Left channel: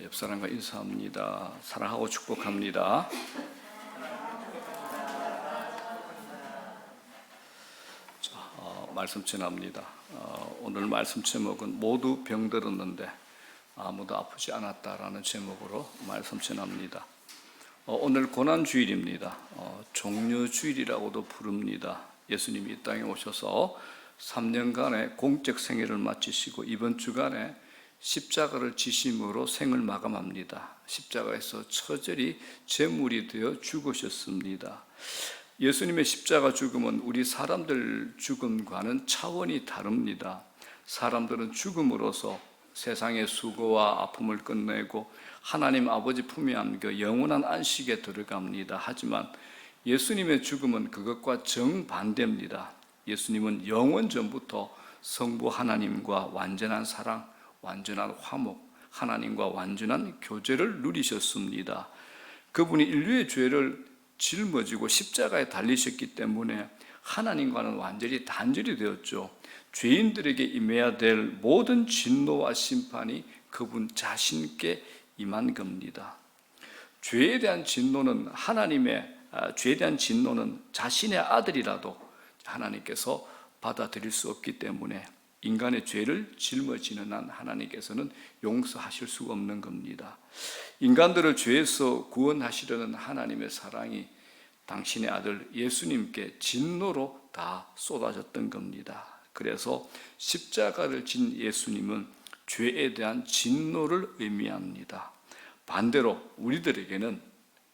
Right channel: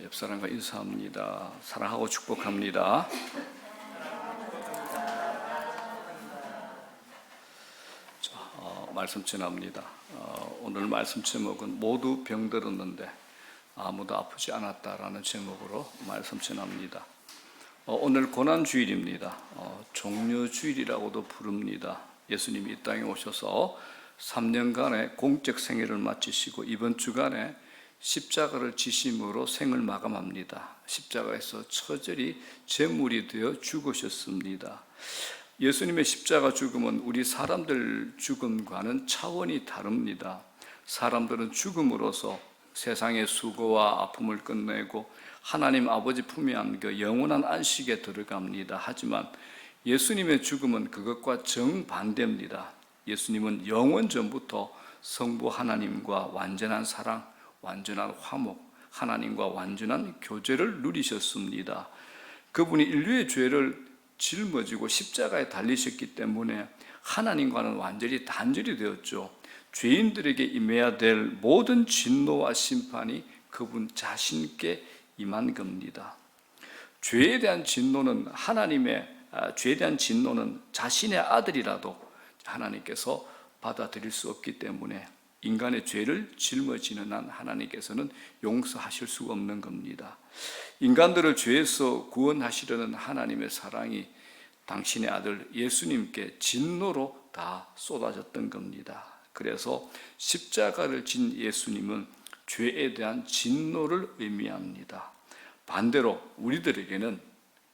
옆 사람과 인사합니다. 사랑하고 축복합니다. 말씀 전합니다. 오늘 말씀 제목은 모두 병들었는데 아무도 아프지 않았다라는 제목으로 말씀 전합니다. 오늘 고난주일입니다. 종려주일이라고도 부릅니다. 예수님이 이 땅에 오셔서 3년간의 공적 생애를 마치시고 이번 주간에 십자가를 지심으로 생을 마감합니다. 십자가에서 처절히 제물이 되어 죽으셨습니다. 예수님의 십자가 죽음은 우리 사람들 죽음과는 차원이 다릅니다. 사람들은 죽음으로써 세상의 수고와 아픔을 끝내고 하나님 아버지 품에 안겨 영원한 안식에 들어갑니다. 하지만 예수님의 죽음은 그것과 정반대입니다. 예수님은 영원 전부터 성부 하나님과 완전한 사랑, 완전한 화목, 하나님과 완전한 교제를 누리셨습니다. 그분이 인류의 죄를 짊어지고 십자가에 달리셨기 때문에 하나님과는 완전히 단절이 되었죠. 죄인들에게 임해야 될 모든 진노와 심판이 그분 자신께 임한 겁니다. 죄에 대한 진노는 자신의 아들이라도 하나님께서 받아들일 수 없기 때문에 인간의 죄를 짊어지는 한 하나님께서는 용서하실 수가 없는 겁니다. 인간들을 죄에서 구원하시려는 하나님의 사랑이 당신의 아들 예수님께 진노로 다 쏟아졌던 겁니다. 그래서 십자가를 진 예수님은 죄에 대한 진노를 의미합니다. 반대로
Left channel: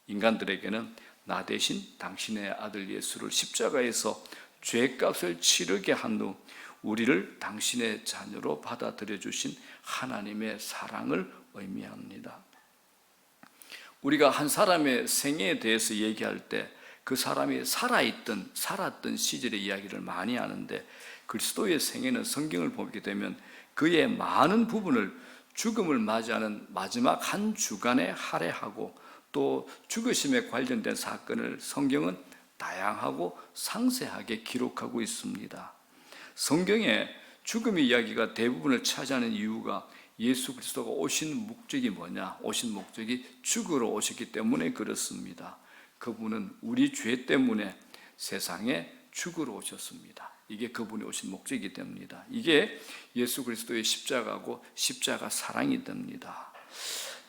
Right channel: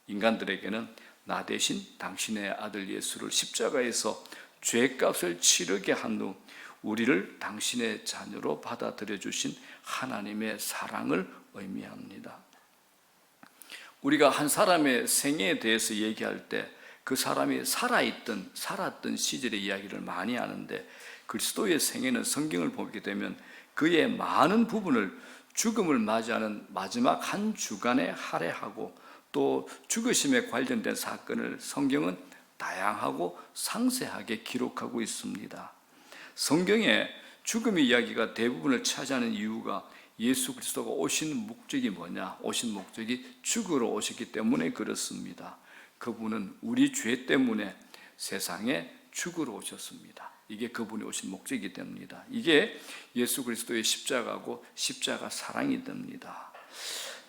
인간들에게는 나 대신 당신의 아들 예수를 십자가에서 죄값을 치르게 한 후 우리를 당신의 자녀로 받아들여 주신 하나님의 사랑을 의미합니다. 우리가 한 사람의 생애에 대해서 얘기할 때 그 사람이 살았던 시절의 이야기를 많이 하는데 그리스도의 생애는 성경을 보게 되면 그의 많은 부분을 죽음을 맞이하는 마지막 한 주간에 할애하고 또 죽으심에 관련된 사건을 성경은 다양하고 상세하게 기록하고 있습니다. 성경에 죽음의 이야기가 대부분을 차지하는 이유가 예수 그리스도가 오신 목적이 뭐냐? 오신 목적이 죽으러 오셨기 때문에 그렇습니다. 그분은 우리 죄 때문에 세상에 죽으러 오셨습니다. 이게 그분이 오신 목적이 됩니다. 이게 예수 그리스도의 십자가고 십자가 사랑이 됩니다.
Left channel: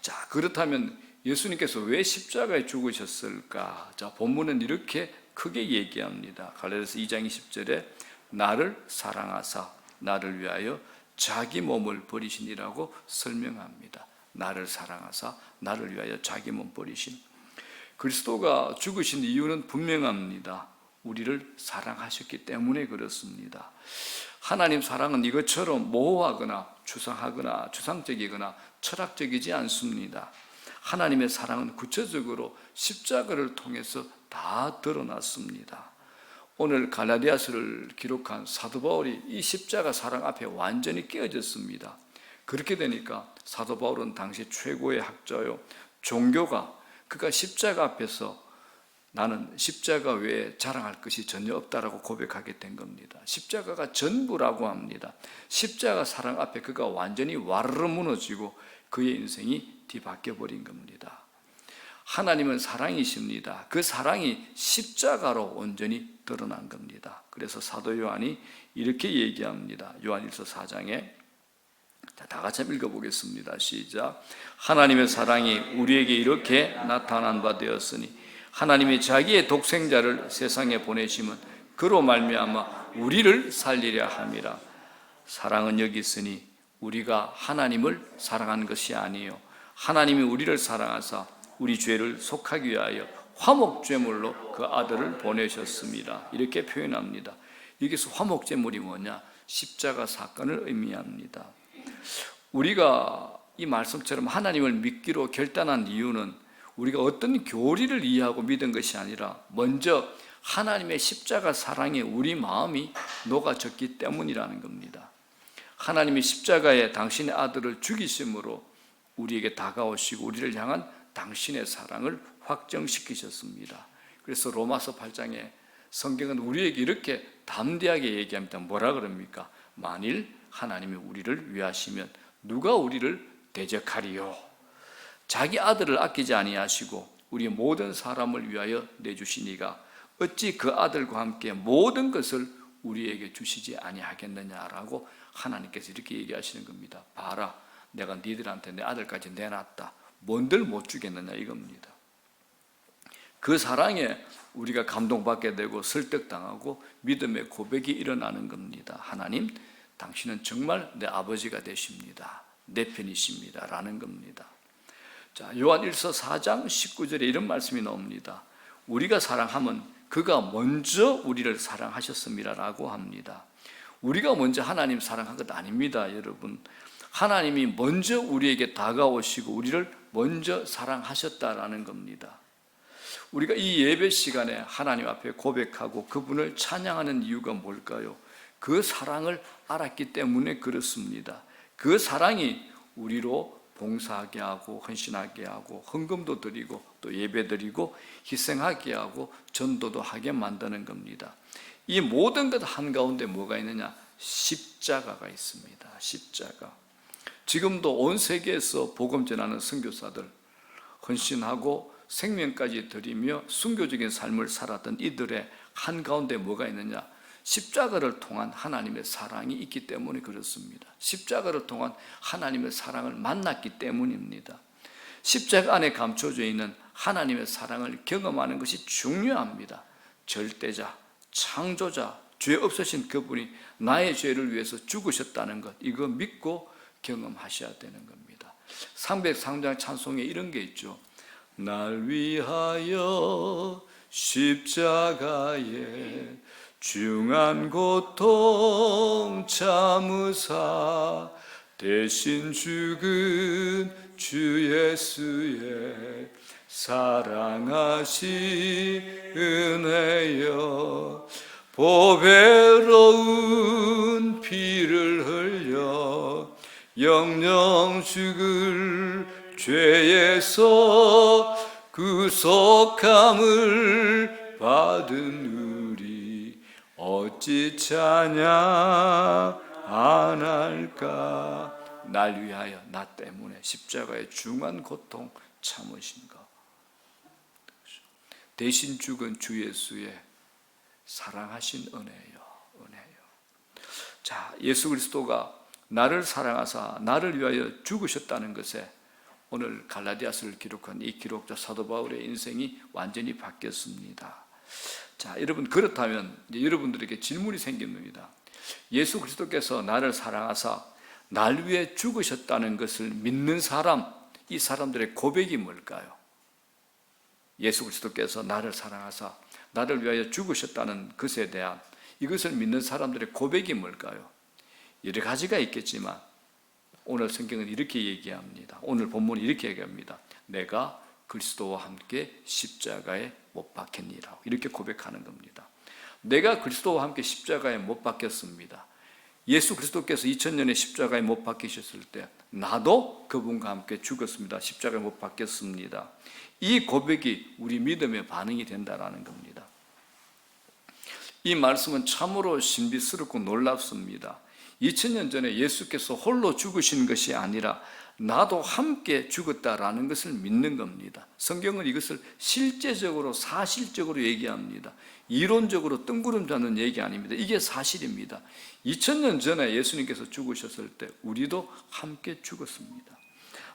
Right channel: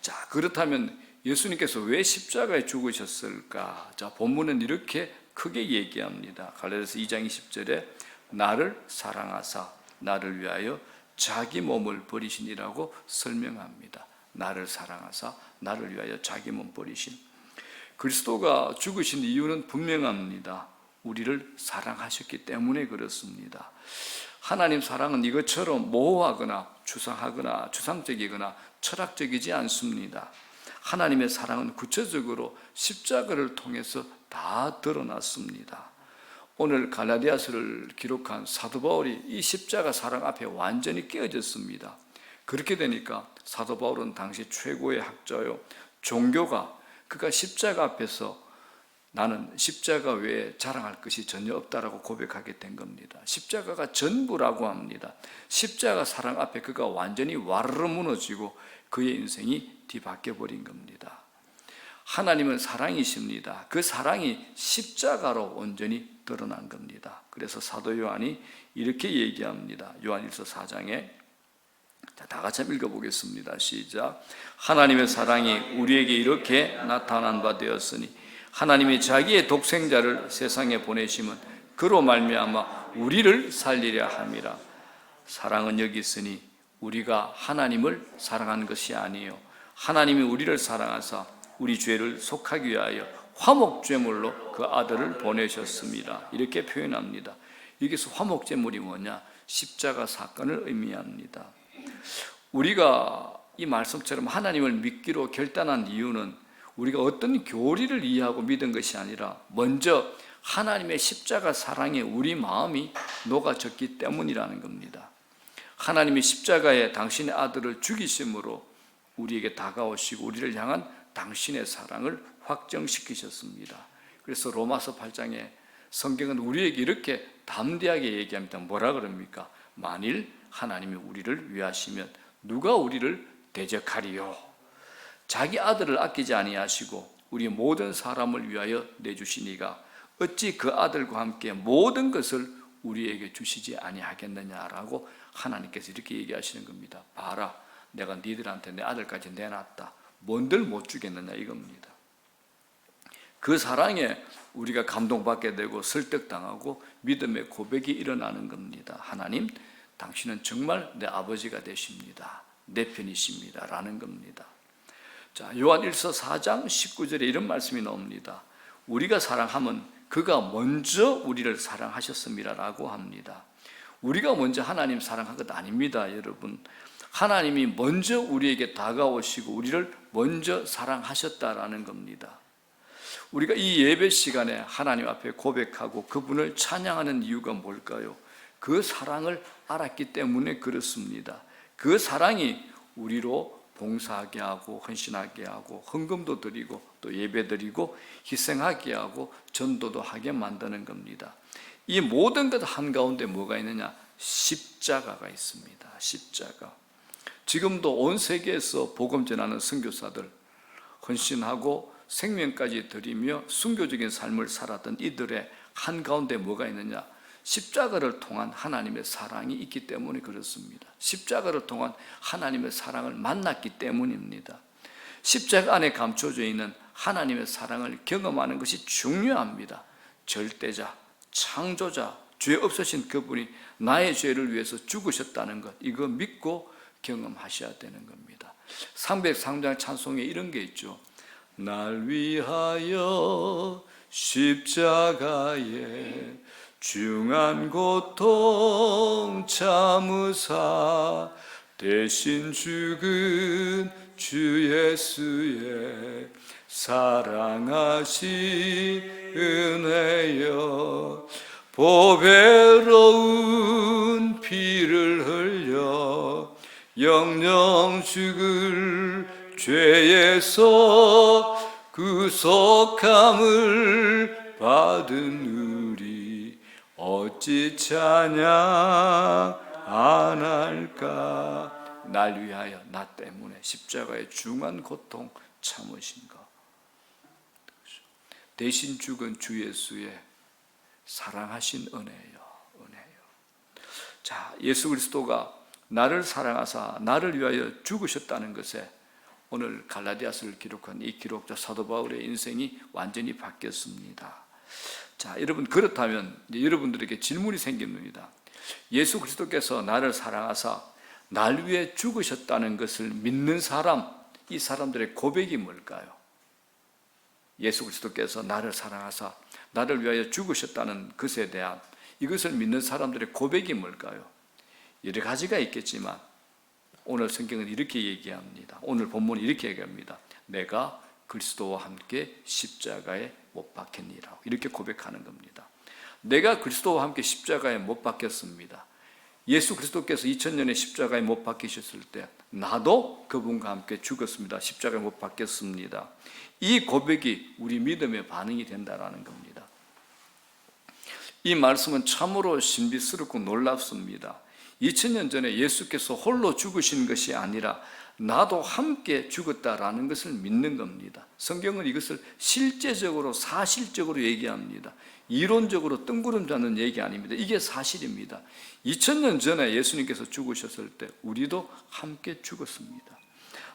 자, 그렇다면 예수님께서 왜 십자가에 죽으셨을까? 자, 본문은 이렇게 크게 얘기합니다. 갈라디아서 2장 20절에 나를 사랑하사 나를 위하여 자기 몸을 버리시니라고 설명합니다. 나를 사랑하사 나를 위하여 자기 몸 버리신. 그리스도가 죽으신 이유는 분명합니다. 우리를 사랑하셨기 때문에 그렇습니다. 하나님 사랑은 이것처럼 모호하거나 추상하거나 추상적이거나 철학적이지 않습니다. 하나님의 사랑은 구체적으로 십자가를 통해서 다 드러났습니다. 오늘 갈라디아서를 기록한 사도 바울이 이 십자가 사랑 앞에 완전히 깨어졌습니다. 그렇게 되니까 사도 바울은 당시 최고의 학자요, 종교가 그가 십자가 앞에서 나는 십자가 외에 자랑할 것이 전혀 없다라고 고백하게 된 겁니다. 십자가가 전부라고 합니다. 십자가 사랑 앞에 그가 완전히 와르르 무너지고 그의 인생이 뒤바뀌어 버린 겁니다. 하나님은 사랑이십니다. 그 사랑이 십자가로 온전히 드러난 겁니다. 그래서 사도 요한이 이렇게 얘기합니다. 요한일서 4장에 다 같이 읽어보겠습니다. 시작. 하나님의 사랑이 우리에게 이렇게 나타난 바 되었으니 하나님이 자기의 독생자를 세상에 보내심은 그로 말미암아 우리를 살리려 함이라. 사랑은 여기 있으니 우리가 하나님을 사랑한 것이 아니요 하나님이 우리를 사랑하사 우리 죄를 속하기 위하여 화목제물로 그 아들을 보내셨습니다. 이렇게 표현합니다. 여기서 화목제물이 뭐냐? 십자가 사건을 의미합니다. 우리가 이 말씀처럼 하나님을 믿기로 결단한 이유는 우리가 어떤 교리를 이해하고 믿은 것이 아니라 먼저 하나님의 십자가 사랑에 우리 마음이 녹아졌기 때문이라는 겁니다. 하나님이 십자가에 당신의 아들을 죽이심으로 우리에게 다가오시고 우리를 향한 당신의 사랑을 확정시키셨습니다. 그래서 로마서 8장에 성경은 우리에게 이렇게 담대하게 얘기합니다. 뭐라 그럽니까? 만일 하나님이 우리를 위하시면 누가 우리를 대적하리요? 자기 아들을 아끼지 아니하시고 우리 모든 사람을 위하여 내주시니가 어찌 그 아들과 함께 모든 것을 우리에게 주시지 아니하겠느냐라고 하나님께서 이렇게 얘기하시는 겁니다. 봐라, 내가 니들한테 내 아들까지 내놨다. 뭔들 못 주겠느냐 이겁니다. 그 사랑에 우리가 감동받게 되고 설득당하고 믿음의 고백이 일어나는 겁니다. 하나님, 당신은 정말 내 아버지가 되십니다. 내 편이십니다. 라는 겁니다. 자, 요한일서 4장 19절에 이런 말씀이 나옵니다. 우리가 사랑하면 그가 먼저 우리를 사랑하셨습니다라고 합니다. 우리가 먼저 하나님 사랑한 것 아닙니다, 여러분. 하나님이 먼저 우리에게 다가오시고 우리를 먼저 사랑하셨다라는 겁니다. 우리가 이 예배 시간에 하나님 앞에 고백하고 그분을 찬양하는 이유가 뭘까요? 그 사랑을 알았기 때문에 그렇습니다. 그 사랑이 우리로 봉사하게 하고 헌신하게 하고 헌금도 드리고 또 예배 드리고 희생하게 하고 전도도 하게 만드는 겁니다. 이 모든 것 한가운데 뭐가 있느냐? 십자가가 있습니다. 십자가. 지금도 온 세계에서 복음 전하는 선교사들, 헌신하고 생명까지 드리며 순교적인 삶을 살았던 이들의 한가운데 뭐가 있느냐? 십자가를 통한 하나님의 사랑이 있기 때문에 그렇습니다. 십자가를 통한 하나님의 사랑을 만났기 때문입니다. 십자가 안에 감춰져 있는 하나님의 사랑을 경험하는 것이 중요합니다. 절대자, 창조자, 죄 없으신 그분이 나의 죄를 위해서 죽으셨다는 것, 이거 믿고 경험하셔야 되는 겁니다. 303장 찬송에 이런 게 있죠. 날 위하여 십자가에 중한 고통 참으사 대신 죽은 주 예수의 사랑하신 은혜여 보배로운 피를 흘려 영영 죽을 죄에서 구속함을 받은 우리 어찌 찬양 안 할까? 날 위하여 나 때문에 십자가의 중한 고통 참으신 것, 대신 죽은 주 예수의 사랑하신 은혜요. 자, 예수 그리스도가 나를 사랑하사 나를 위하여 죽으셨다는 것에 오늘 갈라디아서를 기록한 이 기록자 사도 바울의 인생이 완전히 바뀌었습니다. 자, 여러분, 그렇다면 여러분들에게 질문이 생깁니다. 예수 그리스도께서 나를 사랑하사 날 위해 죽으셨다는 것을 믿는 사람, 이 사람들의 고백이 뭘까요? 예수 그리스도께서 나를 사랑하사 나를 위하여 죽으셨다는 것에 대한 이것을 믿는 사람들의 고백이 뭘까요? 여러 가지가 있겠지만 오늘 성경은 이렇게 얘기합니다. 오늘 본문이 이렇게 얘기합니다. 내가 그리스도와 함께 십자가에 못 박혔니라. 이렇게 고백하는 겁니다. 내가 그리스도와 함께 십자가에 못 박혔습니다. 예수 그리스도께서 2000년에 십자가에 못 박히셨을 때 나도 그분과 함께 죽었습니다. 십자가에 못 박혔습니다. 이 고백이 우리 믿음의 반응이 된다는 겁니다. 이 말씀은 참으로 신비스럽고 놀랍습니다. 2000년 전에 예수께서 홀로 죽으신 것이 아니라 나도 함께 죽었다라는 것을 믿는 겁니다. 성경은 이것을 실제적으로 사실적으로 얘기합니다. 이론적으로 뜬구름 잡는 얘기 아닙니다. 이게 사실입니다. 2000년 전에 예수님께서 죽으셨을 때 우리도 함께 죽었습니다.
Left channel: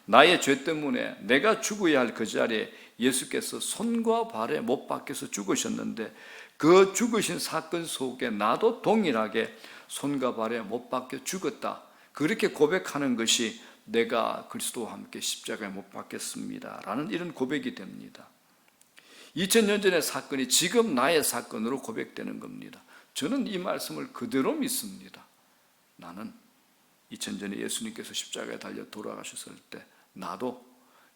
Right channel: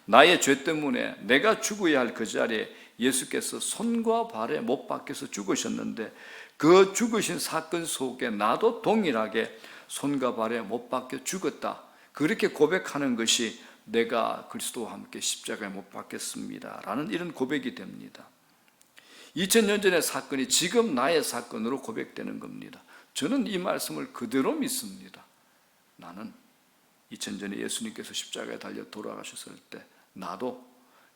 나의 죄 때문에 내가 죽어야 할 그 자리에 예수께서 손과 발에 못 박혀서 죽으셨는데 그 죽으신 사건 속에 나도 동일하게 손과 발에 못 박혀 죽었다. 그렇게 고백하는 것이 내가 그리스도와 함께 십자가에 못 박혔습니다. 라는 이런 고백이 됩니다. 2000년 전의 사건이 지금 나의 사건으로 고백되는 겁니다. 저는 이 말씀을 그대로 믿습니다. 나는 2000년 전에 예수님께서 십자가에 달려 돌아가셨을 때 나도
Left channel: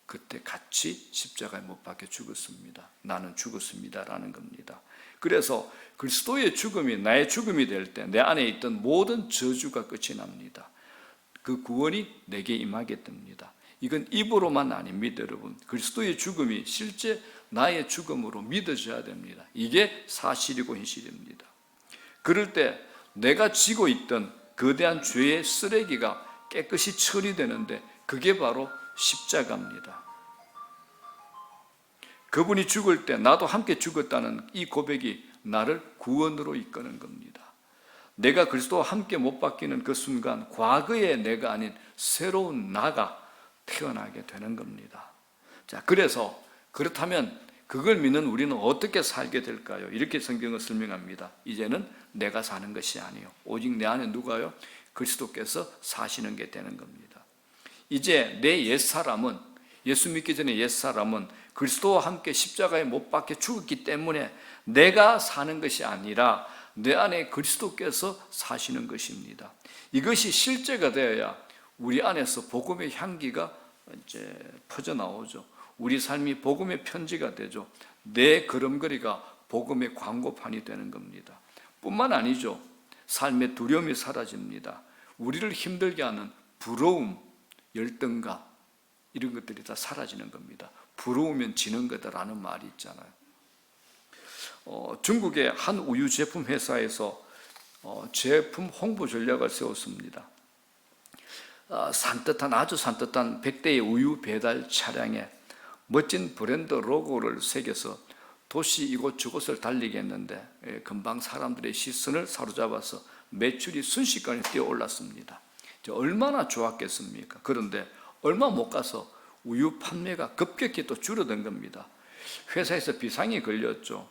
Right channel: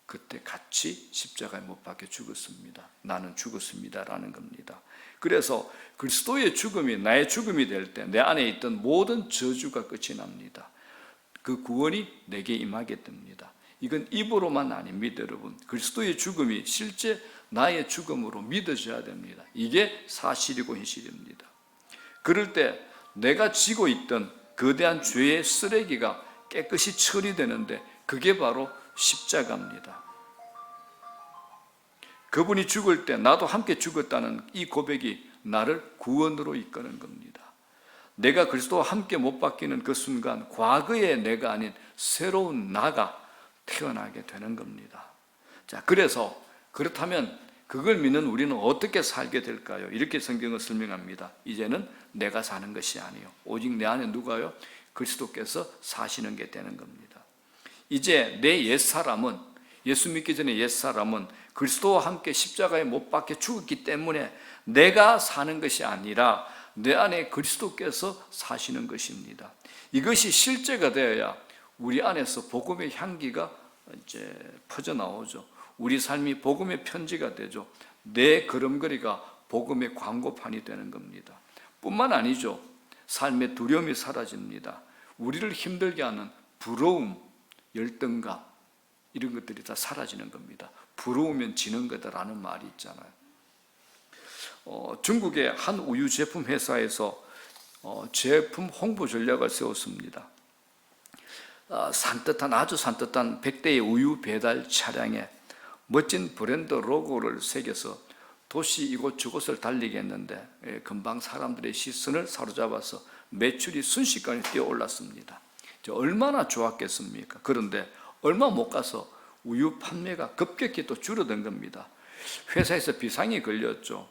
그때 같이 십자가에 못 박혀 죽었습니다. 나는 죽었습니다. 라는 겁니다. 그래서 그리스도의 죽음이 나의 죽음이 될 때 내 안에 있던 모든 저주가 끝이 납니다. 그 구원이 내게 임하게 됩니다. 이건 입으로만 아닙니다, 여러분. 그리스도의 죽음이 실제 나의 죽음으로 믿어져야 됩니다. 이게 사실이고 현실입니다. 그럴 때 내가 지고 있던 거대한 죄의 쓰레기가 깨끗이 처리되는데 그게 바로 십자가입니다. 그분이 죽을 때 나도 함께 죽었다는 이 고백이 나를 구원으로 이끄는 겁니다. 내가 그리스도와 함께 못 박히는 그 순간 과거의 내가 아닌 새로운 나가 태어나게 되는 겁니다. 자, 그래서 그렇다면 그걸 믿는 우리는 어떻게 살게 될까요? 이렇게 성경을 설명합니다. 이제는 내가 사는 것이 아니요 오직 내 안에 누가요? 그리스도께서 사시는 게 되는 겁니다. 이제 내 옛사람은, 예수 믿기 전에 옛사람은 그리스도와 함께 십자가에 못 박혀 죽었기 때문에 내가 사는 것이 아니라 내 안에 그리스도께서 사시는 것입니다. 이것이 실제가 되어야 우리 안에서 복음의 향기가 이제 퍼져나오죠. 우리 삶이 복음의 편지가 되죠. 내 걸음걸이가 복음의 광고판이 되는 겁니다. 뿐만 아니죠. 삶의 두려움이 사라집니다. 우리를 힘들게 하는 부러움, 열등감 이런 것들이 다 사라지는 겁니다. 부러우면 지는 거다라는 말이 있잖아요. 중국의 한 우유 제품 회사에서 제품 홍보 전략을 세웠습니다. 아주 산뜻한 100대의 우유 배달 차량에 멋진 브랜드 로고를 새겨서 도시 이곳저곳을 달리게 했는데 금방 사람들의 시선을 사로잡아서 매출이 순식간에 뛰어올랐습니다. 얼마나 좋았겠습니까? 그런데 얼마 못 가서 우유 판매가 급격히 또 줄어든 겁니다. 회사에서 비상이 걸렸죠.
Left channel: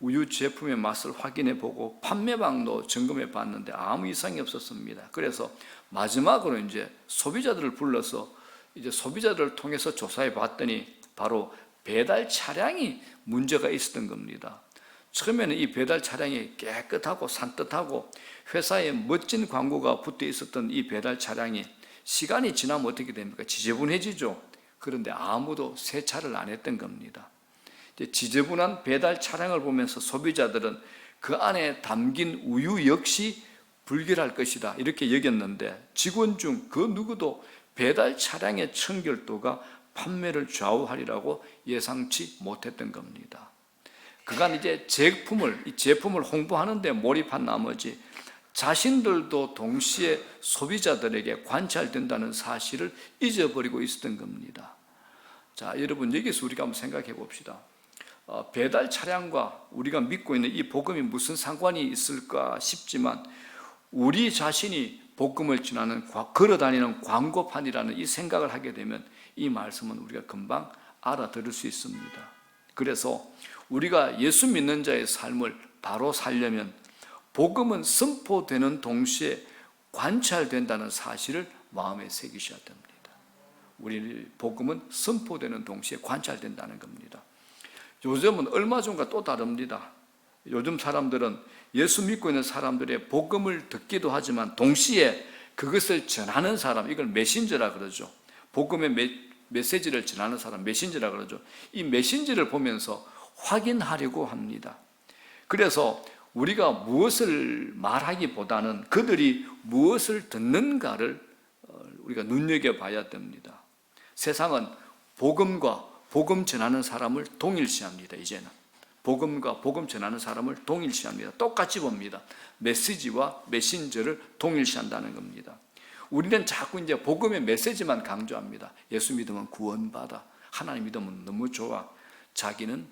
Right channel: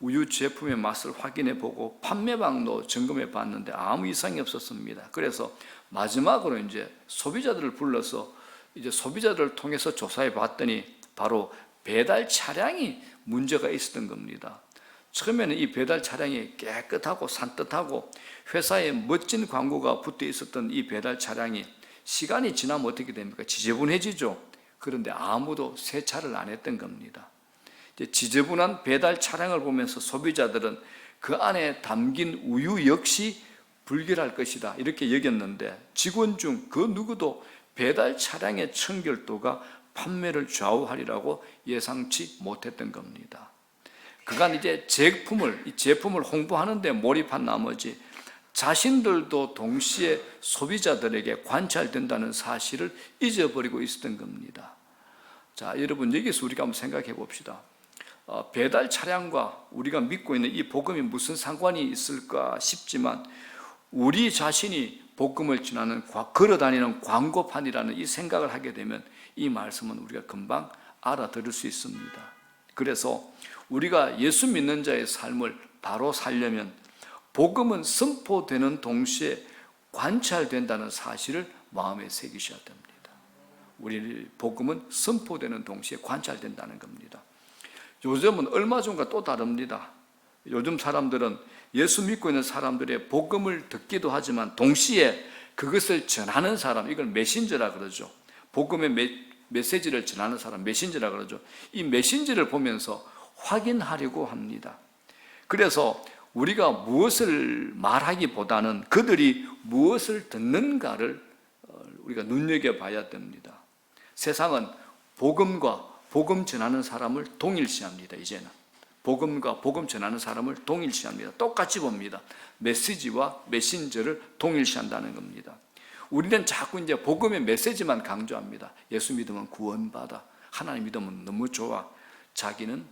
우유 제품의 맛을 확인해 보고 판매방도 점검해 봤는데 아무 이상이 없었습니다. 그래서 마지막으로 이제 소비자들을 불러서 이제 소비자들을 통해서 조사해 봤더니 바로 배달 차량이 문제가 있었던 겁니다. 처음에는 이 배달 차량이 깨끗하고 산뜻하고 회사에 멋진 광고가 붙어 있었던 이 배달 차량이 시간이 지나면 어떻게 됩니까? 지저분해지죠. 그런데 아무도 세차를 안 했던 겁니다. 지저분한 배달 차량을 보면서 소비자들은 그 안에 담긴 우유 역시 불결할 것이다 이렇게 여겼는데 직원 중 그 누구도 배달 차량의 청결도가 판매를 좌우하리라고 예상치 못했던 겁니다. 그간 이제 이 제품을 홍보하는 데 몰입한 나머지 자신들도 동시에 소비자들에게 관찰된다는 사실을 잊어버리고 있었던 겁니다. 자, 여러분 여기서 우리가 한번 생각해 봅시다. 배달 차량과 우리가 믿고 있는 이 복음이 무슨 상관이 있을까 싶지만 우리 자신이 복음을 전하는 걸어다니는 광고판이라는 이 생각을 하게 되면 이 말씀은 우리가 금방 알아들을 수 있습니다. 그래서 우리가 예수 믿는 자의 삶을 바로 살려면 복음은 선포되는 동시에 관찰된다는 사실을 마음에 새기셔야 됩니다. 우리 복음은 선포되는 동시에 관찰된다는 겁니다. 요즘은 얼마 전과 또 다릅니다. 요즘 사람들은 예수 믿고 있는 사람들의 복음을 듣기도 하지만 동시에 그것을 전하는 사람, 이걸 메신저라 그러죠. 복음의 메시지를 전하는 사람, 메신저라 그러죠. 이 메신저를 보면서 확인하려고 합니다. 그래서 우리가 무엇을 말하기보다는 그들이 무엇을 듣는가를 우리가 눈여겨봐야 됩니다. 세상은 복음과 복음 전하는 사람을 동일시합니다. 이제는 복음과 복음 전하는 사람을 동일시합니다. 똑같이 봅니다. 메시지와 메신저를 동일시한다는 겁니다. 우리는 자꾸 이제 복음의 메시지만 강조합니다. 예수 믿으면 구원받아. 하나님 믿으면 너무 좋아. 자기는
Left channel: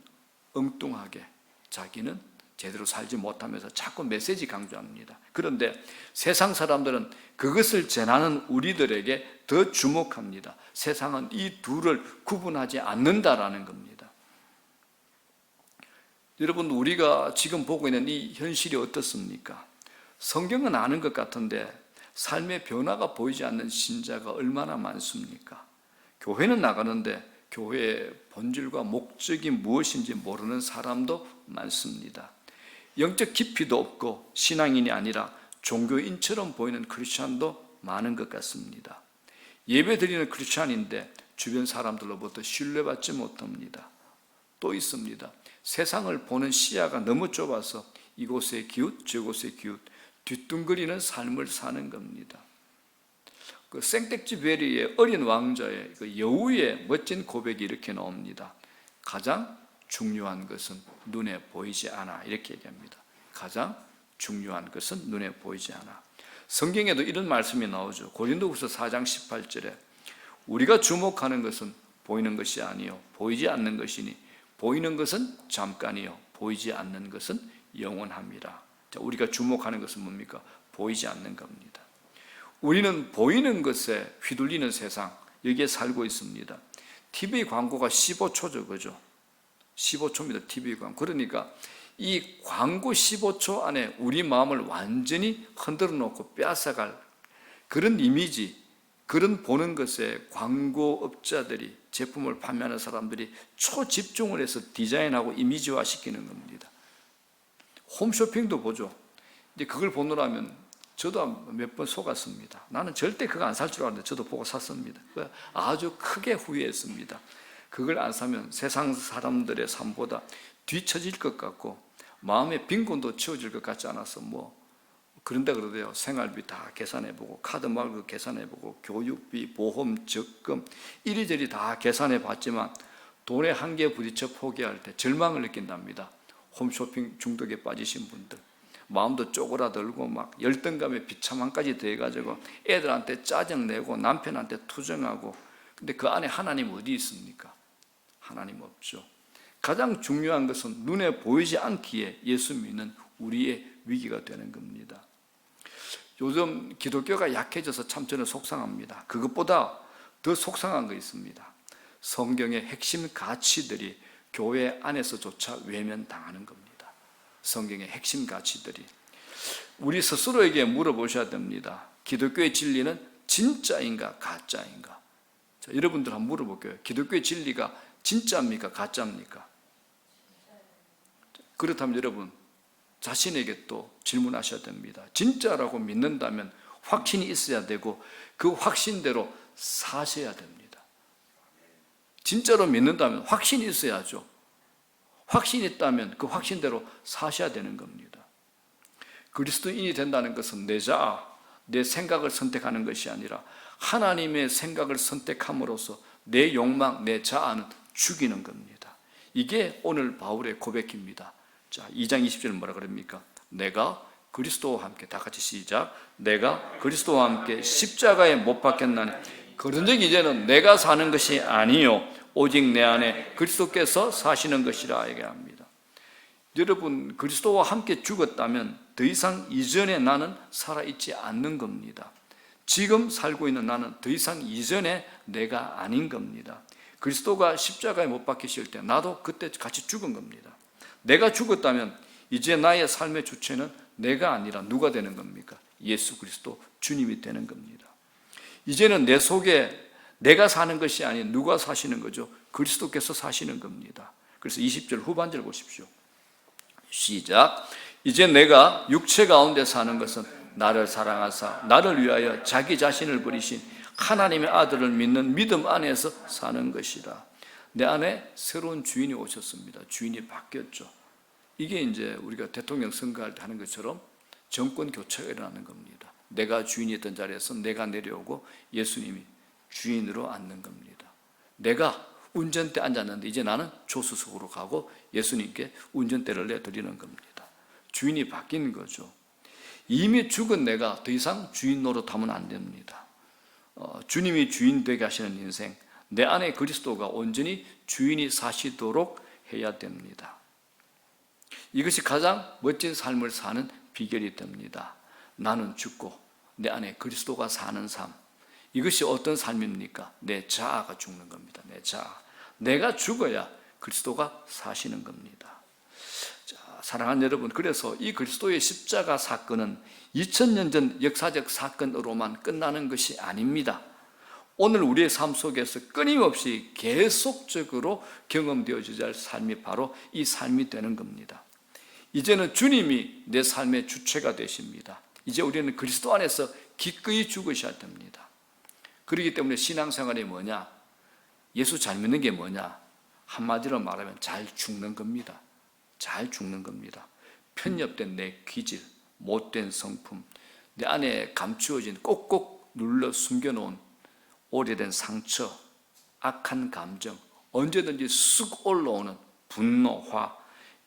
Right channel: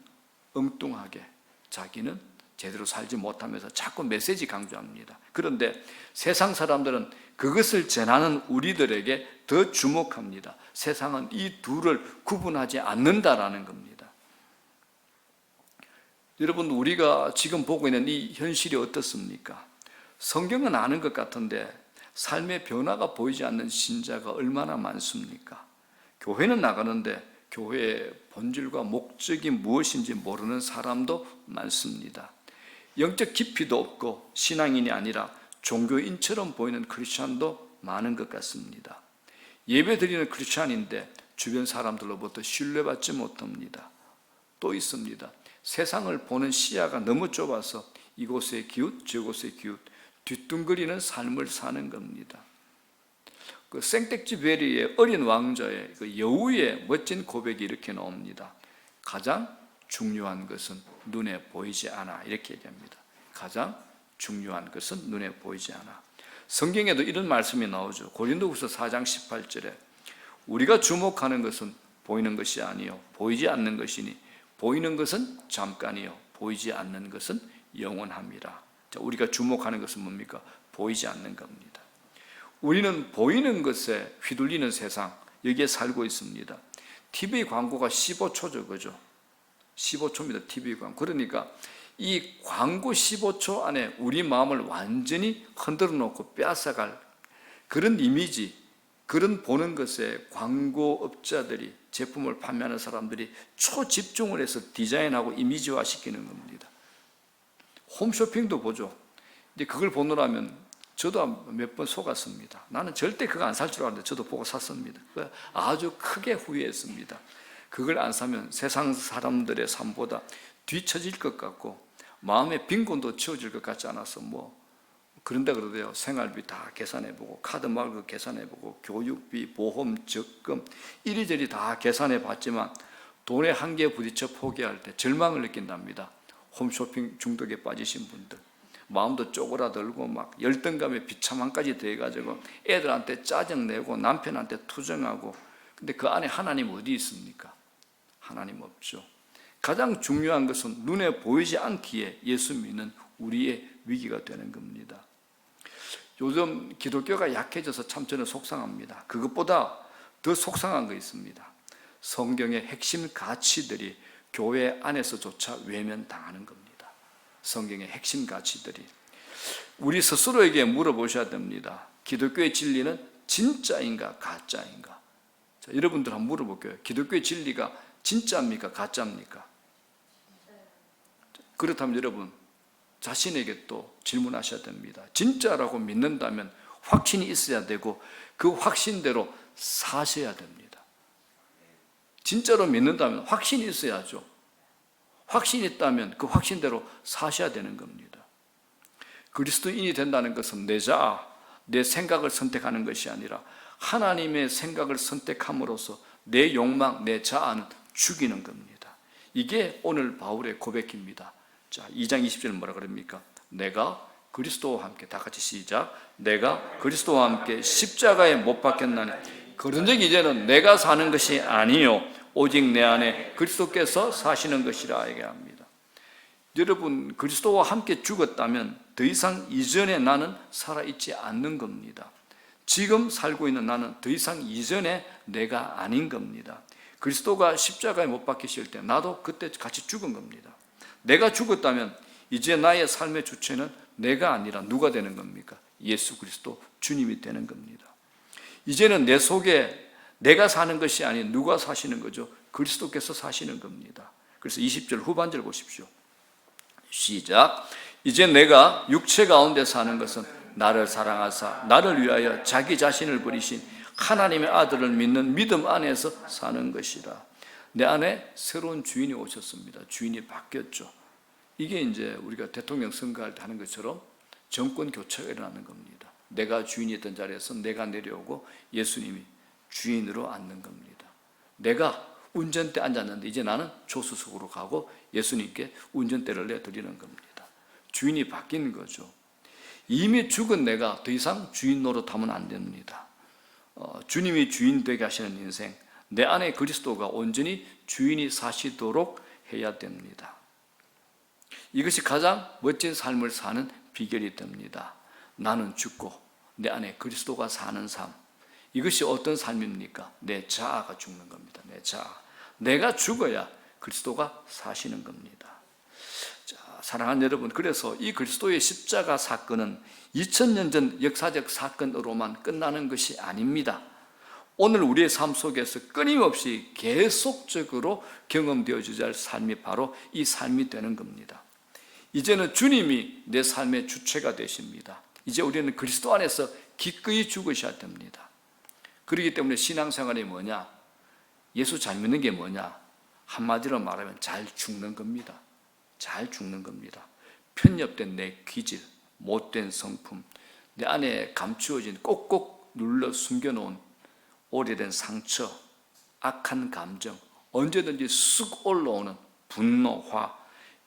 엉뚱하게, 자기는 제대로 살지 못하면서 자꾸 메시지 강조합니다. 그런데 세상 사람들은 그것을 전하는 우리들에게 더 주목합니다. 세상은 이 둘을 구분하지 않는다라는 겁니다. 여러분, 우리가 지금 보고 있는 이 현실이 어떻습니까? 성경은 아는 것 같은데 삶의 변화가 보이지 않는 신자가 얼마나 많습니까? 교회는 나가는데 교회의 본질과 목적이 무엇인지 모르는 사람도 많습니다. 영적 깊이도 없고 신앙인이 아니라 종교인처럼 보이는 크리스찬도 많은 것 같습니다. 예배 드리는 크리스찬인데 주변 사람들로부터 신뢰받지 못합니다. 또 있습니다. 세상을 보는 시야가 너무 좁아서 이곳에 기웃 저곳에 기웃 뒤뚱거리는 삶을 사는 겁니다. 그 생텍쥐베리의 어린 왕자의 그 여우의 멋진 고백이 이렇게 나옵니다. 가장 중요한 것은 눈에 보이지 않아. 이렇게 얘기합니다. 가장 중요한 것은 눈에 보이지 않아. 성경에도 이런 말씀이 나오죠. 고린도후서 4장 18절에 우리가 주목하는 것은 보이는 것이 아니요 보이지 않는 것이니 보이는 것은 잠깐이요 보이지 않는 것은 영원합니다. 자, 우리가 주목하는 것은 뭡니까? 보이지 않는 겁니다. 우리는 보이는 것에 휘둘리는 세상, 여기에 살고 있습니다. TV 광고가 15초죠, 그죠? 15초입니다, TV 광고. 그러니까 이 광고 15초 안에 우리 마음을 완전히 흔들어 놓고 빼앗아갈 그런 이미지, 그런 보는 것에 광고업자들이, 제품을 판매하는 사람들이 초집중을 해서 디자인하고 이미지화 시키는 겁니다. 홈쇼핑도 보죠. 근데 그걸 보느라면 저도 몇 번 속았습니다. 나는 절대 그거 안 살 줄 알았는데 저도 보고 샀습니다. 아주 크게 후회했습니다. 그걸 안 사면 세상 사람들의 삶보다 뒤처질 것 같고 마음의 빈곤도 채워질 것 같지 않아서 그런다 그러대요. 생활비 다 계산해보고 카드 말고 계산해보고 교육비, 보험, 적금 이리저리 다 계산해봤지만 돈에 한계에 부딪혀 포기할 때 절망을 느낀답니다. 홈쇼핑 중독에 빠지신 분들 마음도 쪼그라들고 막 열등감에 비참함까지 더해가지고 애들한테 짜증내고 남편한테 투정하고 근데 그 안에 하나님 어디 있습니까? 하나님 없죠. 가장 중요한 것은 눈에 보이지 않기에 예수 믿는 우리의 위기가 되는 겁니다. 요즘 기독교가 약해져서 참 저는 속상합니다. 그것보다 더 속상한 거 있습니다. 성경의 핵심 가치들이 교회 안에서조차 외면당하는 겁니다. 성경의 핵심 가치들이. 우리 스스로에게 물어보셔야 됩니다. 기독교의 진리는 진짜인가 가짜인가? 자, 여러분들 한번 물어볼게요. 기독교의 진리가 진짜입니까 가짜입니까? 그렇다면 여러분 자신에게 또 질문하셔야 됩니다. 진짜라고 믿는다면 확신이 있어야 되고 그 확신대로 사셔야 됩니다. 진짜로 믿는다면 확신이 있어야죠. 확신이 있다면 그 확신대로 사셔야 되는 겁니다. 그리스도인이 된다는 것은 내 자아, 내 생각을 선택하는 것이 아니라 하나님의 생각을 선택함으로써 내 욕망, 내 자아는 죽이는 겁니다. 이게 오늘 바울의 고백입니다. 자, 2장 20절 뭐라 그럽니까? 내가 그리스도와 함께, 다 같이 시작. 내가 그리스도와 함께 십자가에 못 박혔나니 그런즉 이제는 내가 사는 것이 아니요 오직 내 안에 그리스도께서 사시는 것이라 얘기합니다. 여러분 그리스도와 함께 죽었다면 더 이상 이전의 나는 살아있지 않는 겁니다. 지금 살고 있는 나는 더 이상 이전의 내가 아닌 겁니다. 그리스도가 십자가에 못 박히실 때 나도 그때 같이 죽은 겁니다. 내가 죽었다면 이제 나의 삶의 주체는 내가 아니라 누가 되는 겁니까? 예수 그리스도 주님이 되는 겁니다. 이제는 내 속에 내가 사는 것이 아닌 누가 사시는 거죠? 그리스도께서 사시는 겁니다. 그래서 20절 후반절 보십시오. 시작. 이제 내가 육체 가운데 사는 것은 나를 사랑하사 나를 위하여 자기 자신을 버리신 하나님의 아들을 믿는 믿음 안에서 사는 것이다. 내 안에 새로운 주인이 오셨습니다. 주인이 바뀌었죠. 이게 이제 우리가 대통령 선거할 때 하는 것처럼 정권 교체가 일어나는 겁니다. 내가 주인이었던 자리에서 내가 내려오고 예수님이 주인으로 앉는 겁니다. 내가 운전대 앉았는데 이제 나는 조수석으로 가고 예수님께 운전대를 내드리는 겁니다. 주인이 바뀐 거죠. 이미 죽은 내가 더 이상 주인 노릇하면 안 됩니다. 주님이 주인 되게 하시는 인생, 내 안에 그리스도가 온전히 주인이 사시도록 해야 됩니다. 이것이 가장 멋진 삶을 사는 비결이 됩니다. 나는 죽고 내 안에 그리스도가 사는 삶. 이것이 어떤 삶입니까? 내 자아가 죽는 겁니다. 내 자아. 내가 죽어야 그리스도가 사시는 겁니다. 자, 사랑하는 여러분, 그래서 이 그리스도의 십자가 사건은 2000년 전 역사적 사건으로만 끝나는 것이 아닙니다. 오늘 우리의 삶 속에서 끊임없이 계속적으로 경험되어져야 할 삶이 바로 이 삶이 되는 겁니다. 이제는 주님이 내 삶의 주체가 되십니다. 이제 우리는 그리스도 안에서 기꺼이 죽으셔야 됩니다. 그렇기 때문에 신앙생활이 뭐냐? 예수 잘 믿는 게 뭐냐? 한마디로 말하면 잘 죽는 겁니다. 잘 죽는 겁니다. 편협된 내 기질, 못된 성품, 내 안에 감추어진 꼭꼭 눌러 숨겨놓은 오래된 상처, 악한 감정, 언제든지 쑥 올라오는 분노, 화,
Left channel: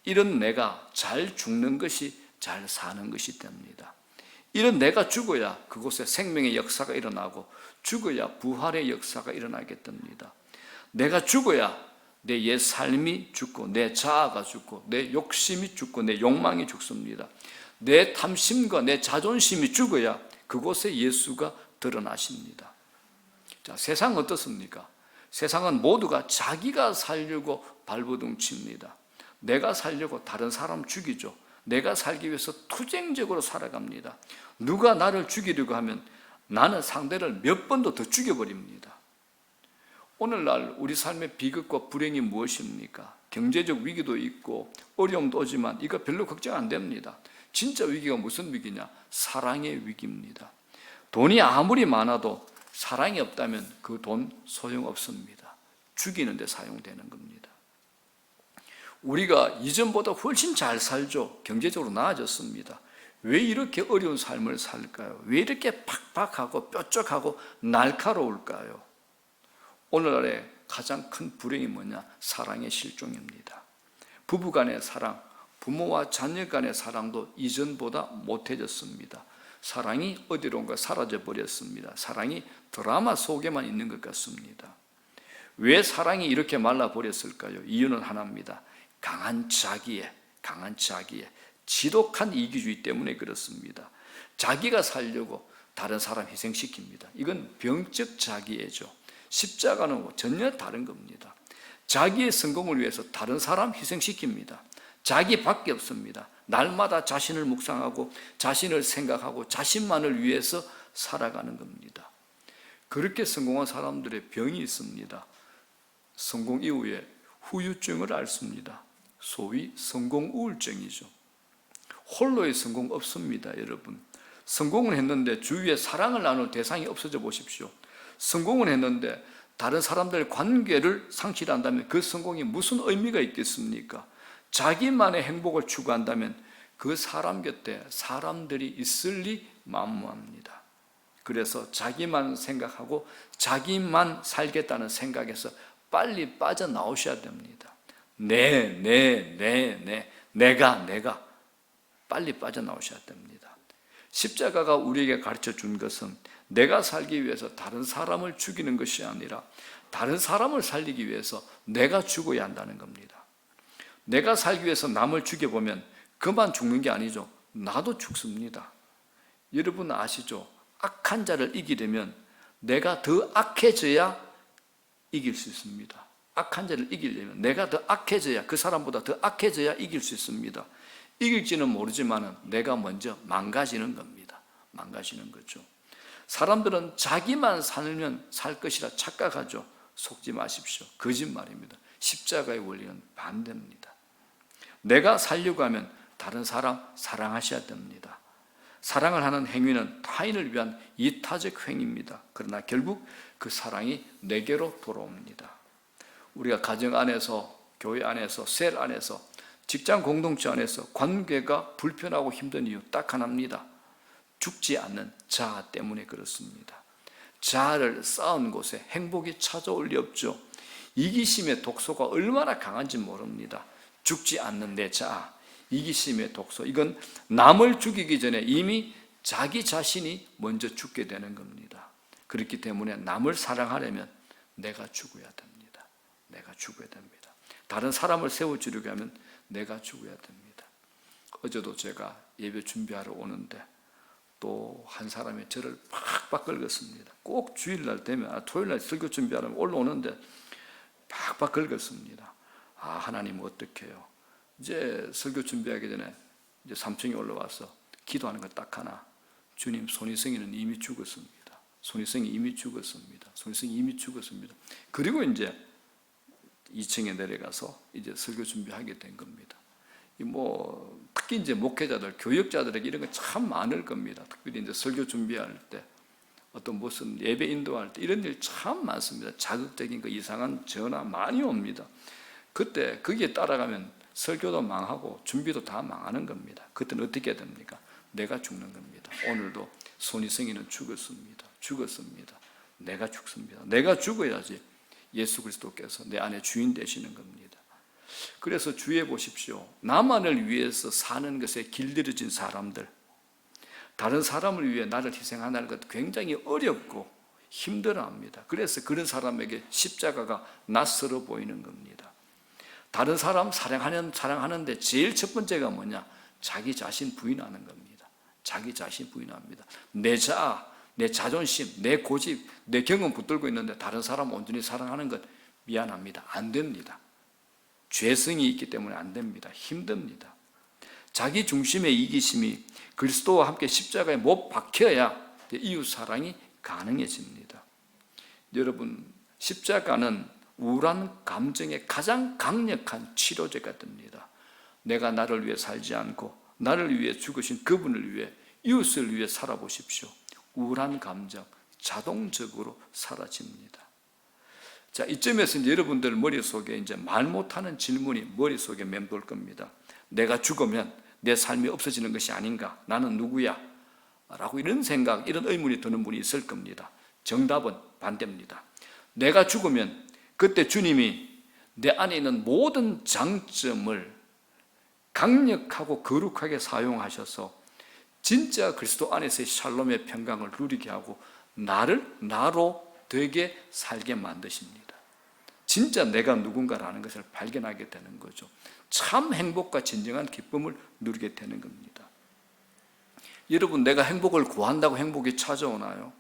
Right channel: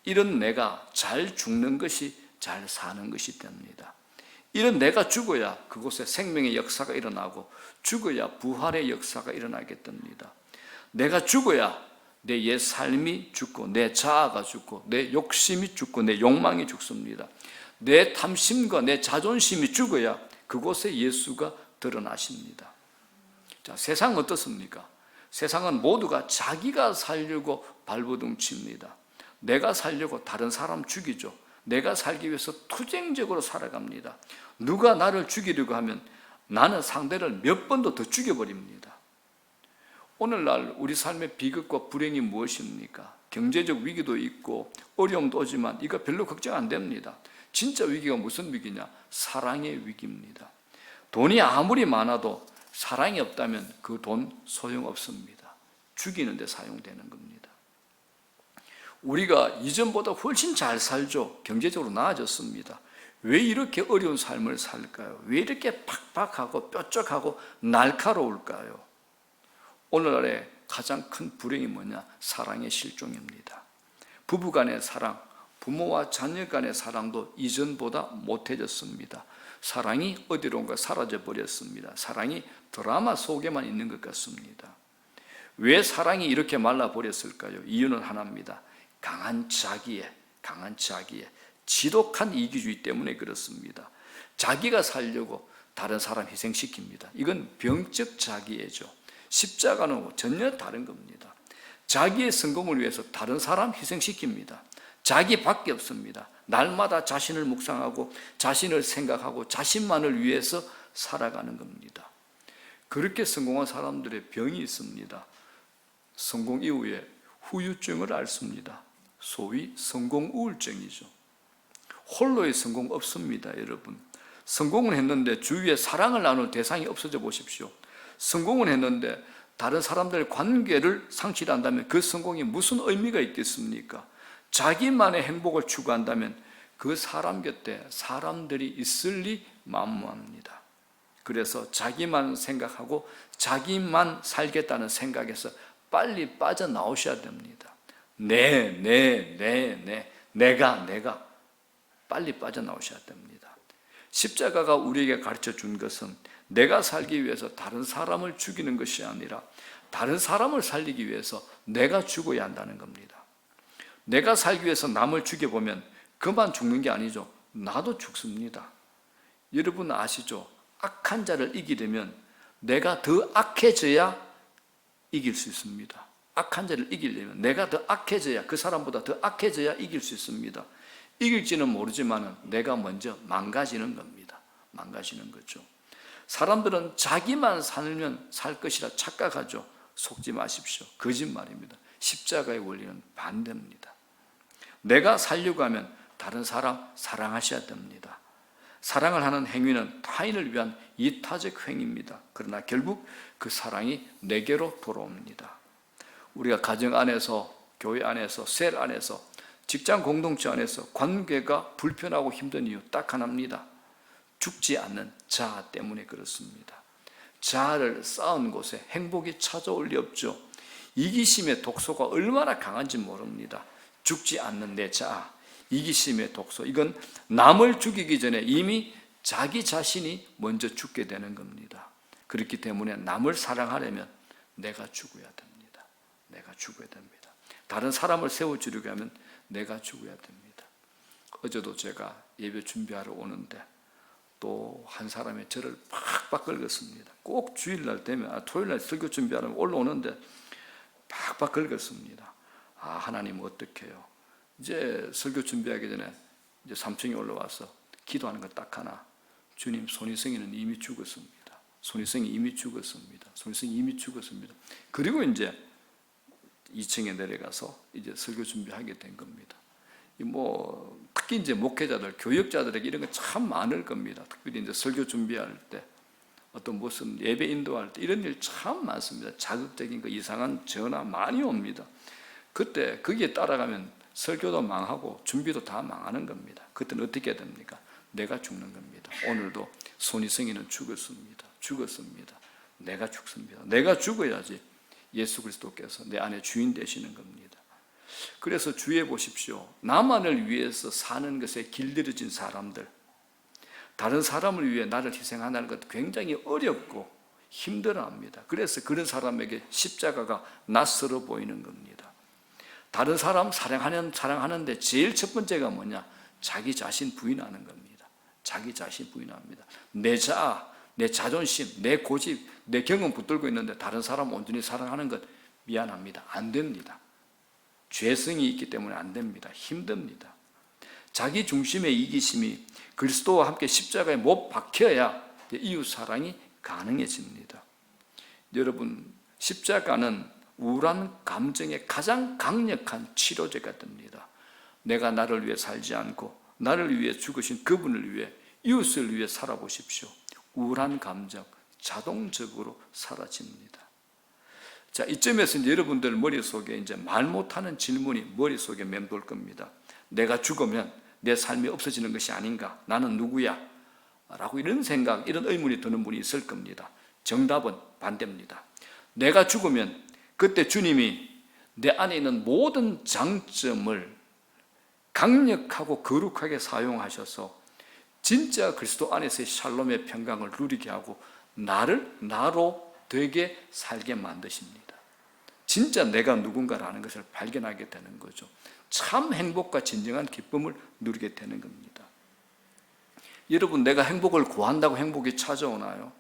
이런 내가 잘 죽는 것이 잘 사는 것이 됩니다. 이런 내가 죽어야 그곳에 생명의 역사가 일어나고 죽어야 부활의 역사가 일어나게 됩니다. 내가 죽어야 내 옛 삶이 죽고 내 자아가 죽고 내 욕심이 죽고 내 욕망이 죽습니다. 내 탐심과 내 자존심이 죽어야 그곳에 예수가 드러나십니다. 자, 세상은 어떻습니까? 세상은 모두가 자기가 살려고 발버둥 칩니다. 내가 살려고 다른 사람 죽이죠. 내가 살기 위해서 투쟁적으로 살아갑니다. 누가 나를 죽이려고 하면 나는 상대를 몇 번도 더 죽여버립니다. 오늘날 우리 삶의 비극과 불행이 무엇입니까? 경제적 위기도 있고 어려움도 오지만 이거 별로 걱정 안 됩니다. 진짜 위기가 무슨 위기냐? 사랑의 위기입니다. 돈이 아무리 많아도 사랑이 없다면 그 돈 소용없습니다. 죽이는 데 사용되는 겁니다. 우리가 이전보다 훨씬 잘 살죠. 경제적으로 나아졌습니다. 왜 이렇게 어려운 삶을 살까요? 왜 이렇게 팍팍하고 뾰족하고 날카로울까요? 오늘날의 가장 큰 불행이 뭐냐? 사랑의 실종입니다. 부부간의 사랑, 부모와 자녀 간의 사랑도 이전보다 못해졌습니다. 사랑이 어디론가 사라져버렸습니다. 사랑이 드라마 속에만 있는 것 같습니다. 왜 사랑이 이렇게 말라버렸을까요? 이유는 하나입니다. 강한 자기애, 지독한 이기주의 때문에 그렇습니다. 자기가 살려고 다른 사람 희생시킵니다. 이건 병적 자기애죠. 십자가는 전혀 다른 겁니다. 자기의 성공을 위해서 다른 사람 희생시킵니다. 자기밖에 없습니다. 날마다 자신을 묵상하고 자신을 생각하고 자신만을 위해서 살아가는 겁니다. 그렇게 성공한 사람들의 병이 있습니다. 성공 이후에 후유증을 앓습니다. 소위 성공 우울증이죠. 홀로의 성공 없습니다, 여러분. 성공을 했는데 주위에 사랑을 나눌 대상이 없어져 보십시오. 성공을 했는데 다른 사람들의 관계를 상실한다면 그 성공이 무슨 의미가 있겠습니까? 자기만의 행복을 추구한다면 그 사람 곁에 사람들이 있을 리 만무합니다. 그래서 자기만 생각하고 자기만 살겠다는 생각에서 빨리 빠져나오셔야 됩니다. 내가 빨리 빠져나오셔야 됩니다. 십자가가 우리에게 가르쳐 준 것은 내가 살기 위해서 다른 사람을 죽이는 것이 아니라 다른 사람을 살리기 위해서 내가 죽어야 한다는 겁니다. 내가 살기 위해서 남을 죽여보면 그만 죽는 게 아니죠. 나도 죽습니다. 여러분 아시죠? 악한 자를 이기려면 내가 더 악해져야 이길 수 있습니다. 악한 자를 이기려면 내가 더 악해져야, 그 사람보다 더 악해져야 이길 수 있습니다. 이길지는 모르지만 내가 먼저 망가지는 겁니다. 망가지는 거죠. 사람들은 자기만 살면 살 것이라 착각하죠. 속지 마십시오. 거짓말입니다. 십자가의 원리는 반대입니다. 내가 살려고 하면 다른 사람 사랑하셔야 됩니다. 사랑을 하는 행위는 타인을 위한 이타적 행위입니다. 그러나 결국 그 사랑이 내게로 돌아옵니다. 우리가 가정 안에서, 교회 안에서, 셀 안에서, 직장 공동체 안에서 관계가 불편하고 힘든 이유 딱 하나입니다. 죽지 않는 자아 때문에 그렇습니다. 자아를 쌓은 곳에 행복이 찾아올 리 없죠. 이기심의 독소가 얼마나 강한지 모릅니다. 죽지 않는 내 자아, 이기심의 독소, 이건 남을 죽이기 전에 이미 자기 자신이 먼저 죽게 되는 겁니다. 그렇기 때문에 남을 사랑하려면 내가 죽어야 됩니다. 내가 죽어야 됩니다. 다른 사람을 세워주려고 하면 내가 죽어야 됩니다. 어제도 제가 예배 준비하러 오는데 또 한 사람이 저를 팍팍 긁었습니다. 꼭 주일날 되면, 토요일날 설교 준비하러 올라오는데 팍팍 긁었습니다. 하나님 어떡해요? 이제 설교 준비하기 전에 이제 3층에 올라와서 기도하는 거 딱 하나. 주님, 손희성이는 이미 죽었습니다. 손희성이 이미 죽었습니다. 그리고 이제 2층에 내려가서 이제 설교 준비하게 된 겁니다. 특히 이제 목회자들, 교역자들에게 이런 거 참 많을 겁니다. 특별히 이제 설교 준비할 때, 어떤 무슨 예배 인도할 때 이런 일 참 많습니다. 자극적인 거, 이상한 전화 많이 옵니다. 그때 거기에 따라가면 설교도 망하고 준비도 다 망하는 겁니다. 그때는 어떻게 됩니까? 내가 죽는 겁니다. 오늘도 손희성이는 죽었습니다. 내가 죽습니다. 내가 죽어야지 예수 그리스도께서 내 안에 주인 되시는 겁니다. 그래서 주의해 보십시오. 나만을 위해서 사는 것에 길들여진 사람들, 다른 사람을 위해 나를 희생하는 것 굉장히 어렵고 힘들어합니다. 그래서 그런 사람에게 십자가가 낯설어 보이는 겁니다. 다른 사람 사랑하는데 제일 첫 번째가 뭐냐? 자기 자신 부인하는 겁니다. 자기 자신 부인합니다. 내 자아, 내 자존심, 내 고집, 내 경험 붙들고 있는데 다른 사람 온전히 사랑하는 것 미안합니다. 안 됩니다. 죄성이 있기 때문에 안 됩니다. 힘듭니다. 자기 중심의 이기심이 그리스도와 함께 십자가에 못 박혀야 이웃 사랑이 가능해집니다. 여러분, 십자가는 우울한 감정의 가장 강력한 치료제가 됩니다. 내가 나를 위해 살지 않고 나를 위해 죽으신 그분을 위해, 이웃을 위해 살아보십시오. 우울한 감정 자동적으로 사라집니다. 자, 이쯤에서 이제 여러분들 머릿속에 이제 말 못하는 질문이 머릿속에 맴돌 겁니다. 내가 죽으면 내 삶이 없어지는 것이 아닌가? 나는 누구야? 라고 이런 생각, 이런 의문이 드는 분이 있을 겁니다. 정답은 반대입니다. 내가 죽으면 그때 주님이 내 안에 있는 모든 장점을 강력하고 거룩하게 사용하셔서 진짜 그리스도 안에서의 샬롬의 평강을 누리게 하고 나로 되게 살게 만드십니다. 진짜 내가 누군가라는 것을 발견하게 되는 거죠. 참 행복과 진정한 기쁨을 누리게 되는 겁니다. 여러분, 내가 행복을 구한다고 행복이 찾아오나요?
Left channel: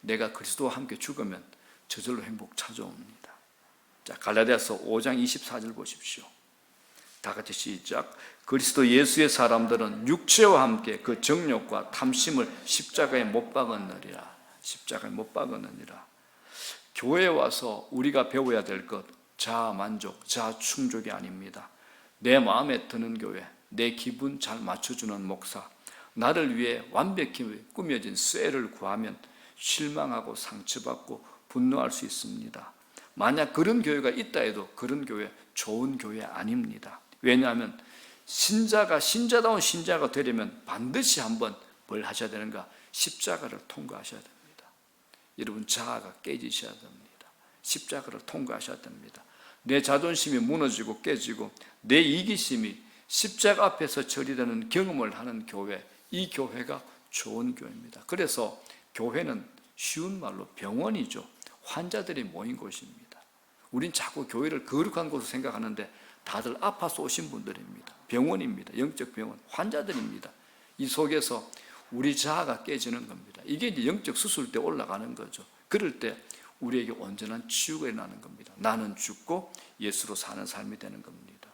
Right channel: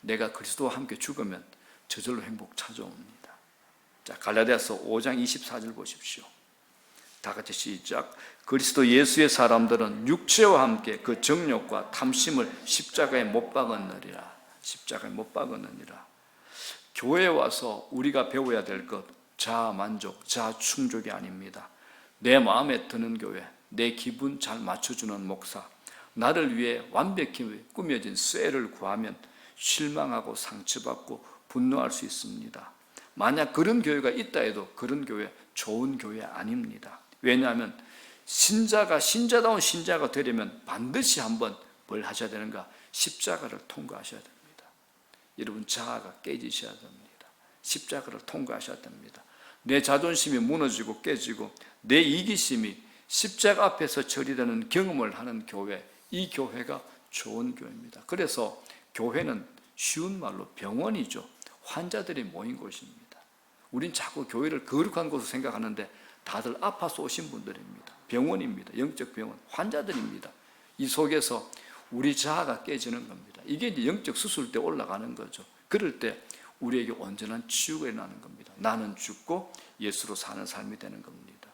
내가 그리스도와 함께 죽으면 저절로 행복 찾아옵니다. 자, 갈라디아서 5장 24절 보십시오. 다 같이 시작. 그리스도 예수의 사람들은 육체와 함께 그 정욕과 탐심을 십자가에 못 박았느니라. 십자가에 못 박았느니라. 교회에 와서 우리가 배워야 될 것, 자아 만족, 자아 충족이 아닙니다. 내 마음에 드는 교회, 내 기분 잘 맞춰주는 목사, 나를 위해 완벽히 꾸며진 쇠를 구하면 실망하고 상처받고 분노할 수 있습니다. 만약 그런 교회가 있다 해도 그런 교회 좋은 교회 아닙니다. 왜냐하면 신자다운 신자가 되려면 반드시 한번 뭘 하셔야 되는가? 십자가를 통과하셔야 됩니다. 여러분, 자아가 깨지셔야 됩니다. 십자가를 통과하셔야 됩니다. 내 자존심이 무너지고 깨지고 내 이기심이 십자가 앞에서 처리되는 경험을 하는 교회, 이 교회가 좋은 교회입니다. 그래서 교회는 쉬운 말로 병원이죠. 환자들이 모인 곳입니다. 우린 자꾸 교회를 거룩한 곳으로 생각하는데 다들 아파서 오신 분들입니다. 병원입니다. 영적 병원, 환자들입니다. 이 속에서 우리 자아가 깨지는 겁니다. 이게 이제 영적 수술 때 올라가는 거죠. 그럴 때 우리에게 온전한 치유가 일어나는 겁니다. 나는 죽고 예수로 사는 삶이 되는 겁니다.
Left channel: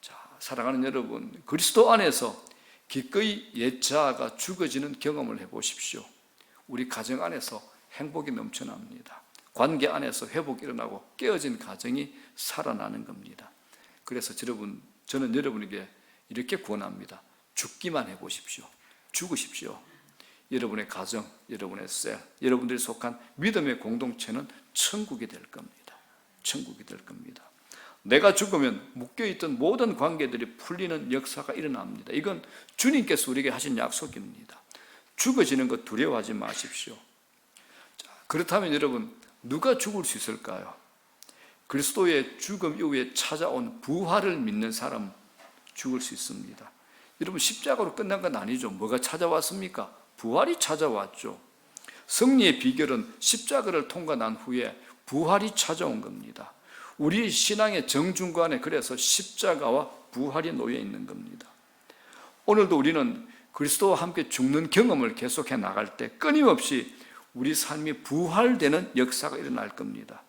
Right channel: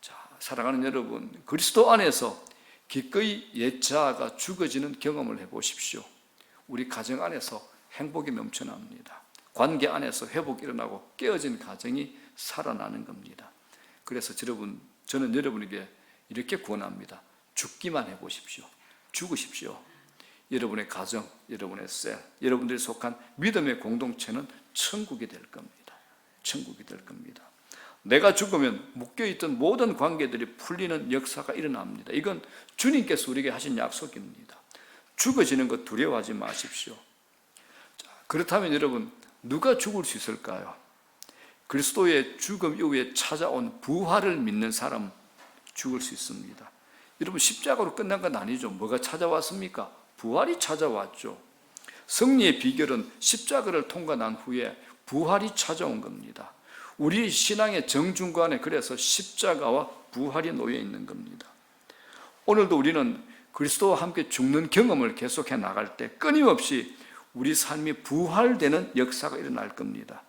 자, 사랑하는 여러분, 그리스도 안에서 기꺼이 옛 자아가 죽어지는 경험을 해보십시오. 우리 가정 안에서 행복이 넘쳐납니다. 관계 안에서 회복이 일어나고 깨어진 가정이 살아나는 겁니다. 그래서 저는 여러분에게 이렇게 권합니다. 죽기만 해보십시오. 죽으십시오. 여러분의 가정, 여러분의 셀, 여러분들이 속한 믿음의 공동체는 천국이 될 겁니다. 천국이 될 겁니다. 내가 죽으면 묶여있던 모든 관계들이 풀리는 역사가 일어납니다. 이건 주님께서 우리에게 하신 약속입니다. 죽어지는 것 두려워하지 마십시오. 자, 그렇다면 여러분, 누가 죽을 수 있을까요? 그리스도의 죽음 이후에 찾아온 부활을 믿는 사람 죽을 수 있습니다. 여러분, 십자가로 끝난 건 아니죠. 뭐가 찾아왔습니까? 부활이 찾아왔죠. 승리의 비결은 십자가를 통과한 후에 부활이 찾아온 겁니다. 우리 신앙의 정중간에 그래서 십자가와 부활이 놓여 있는 겁니다. 오늘도 우리는 그리스도와 함께 죽는 경험을 계속해 나갈 때 끊임없이 우리 삶이 부활되는 역사가 일어날 겁니다.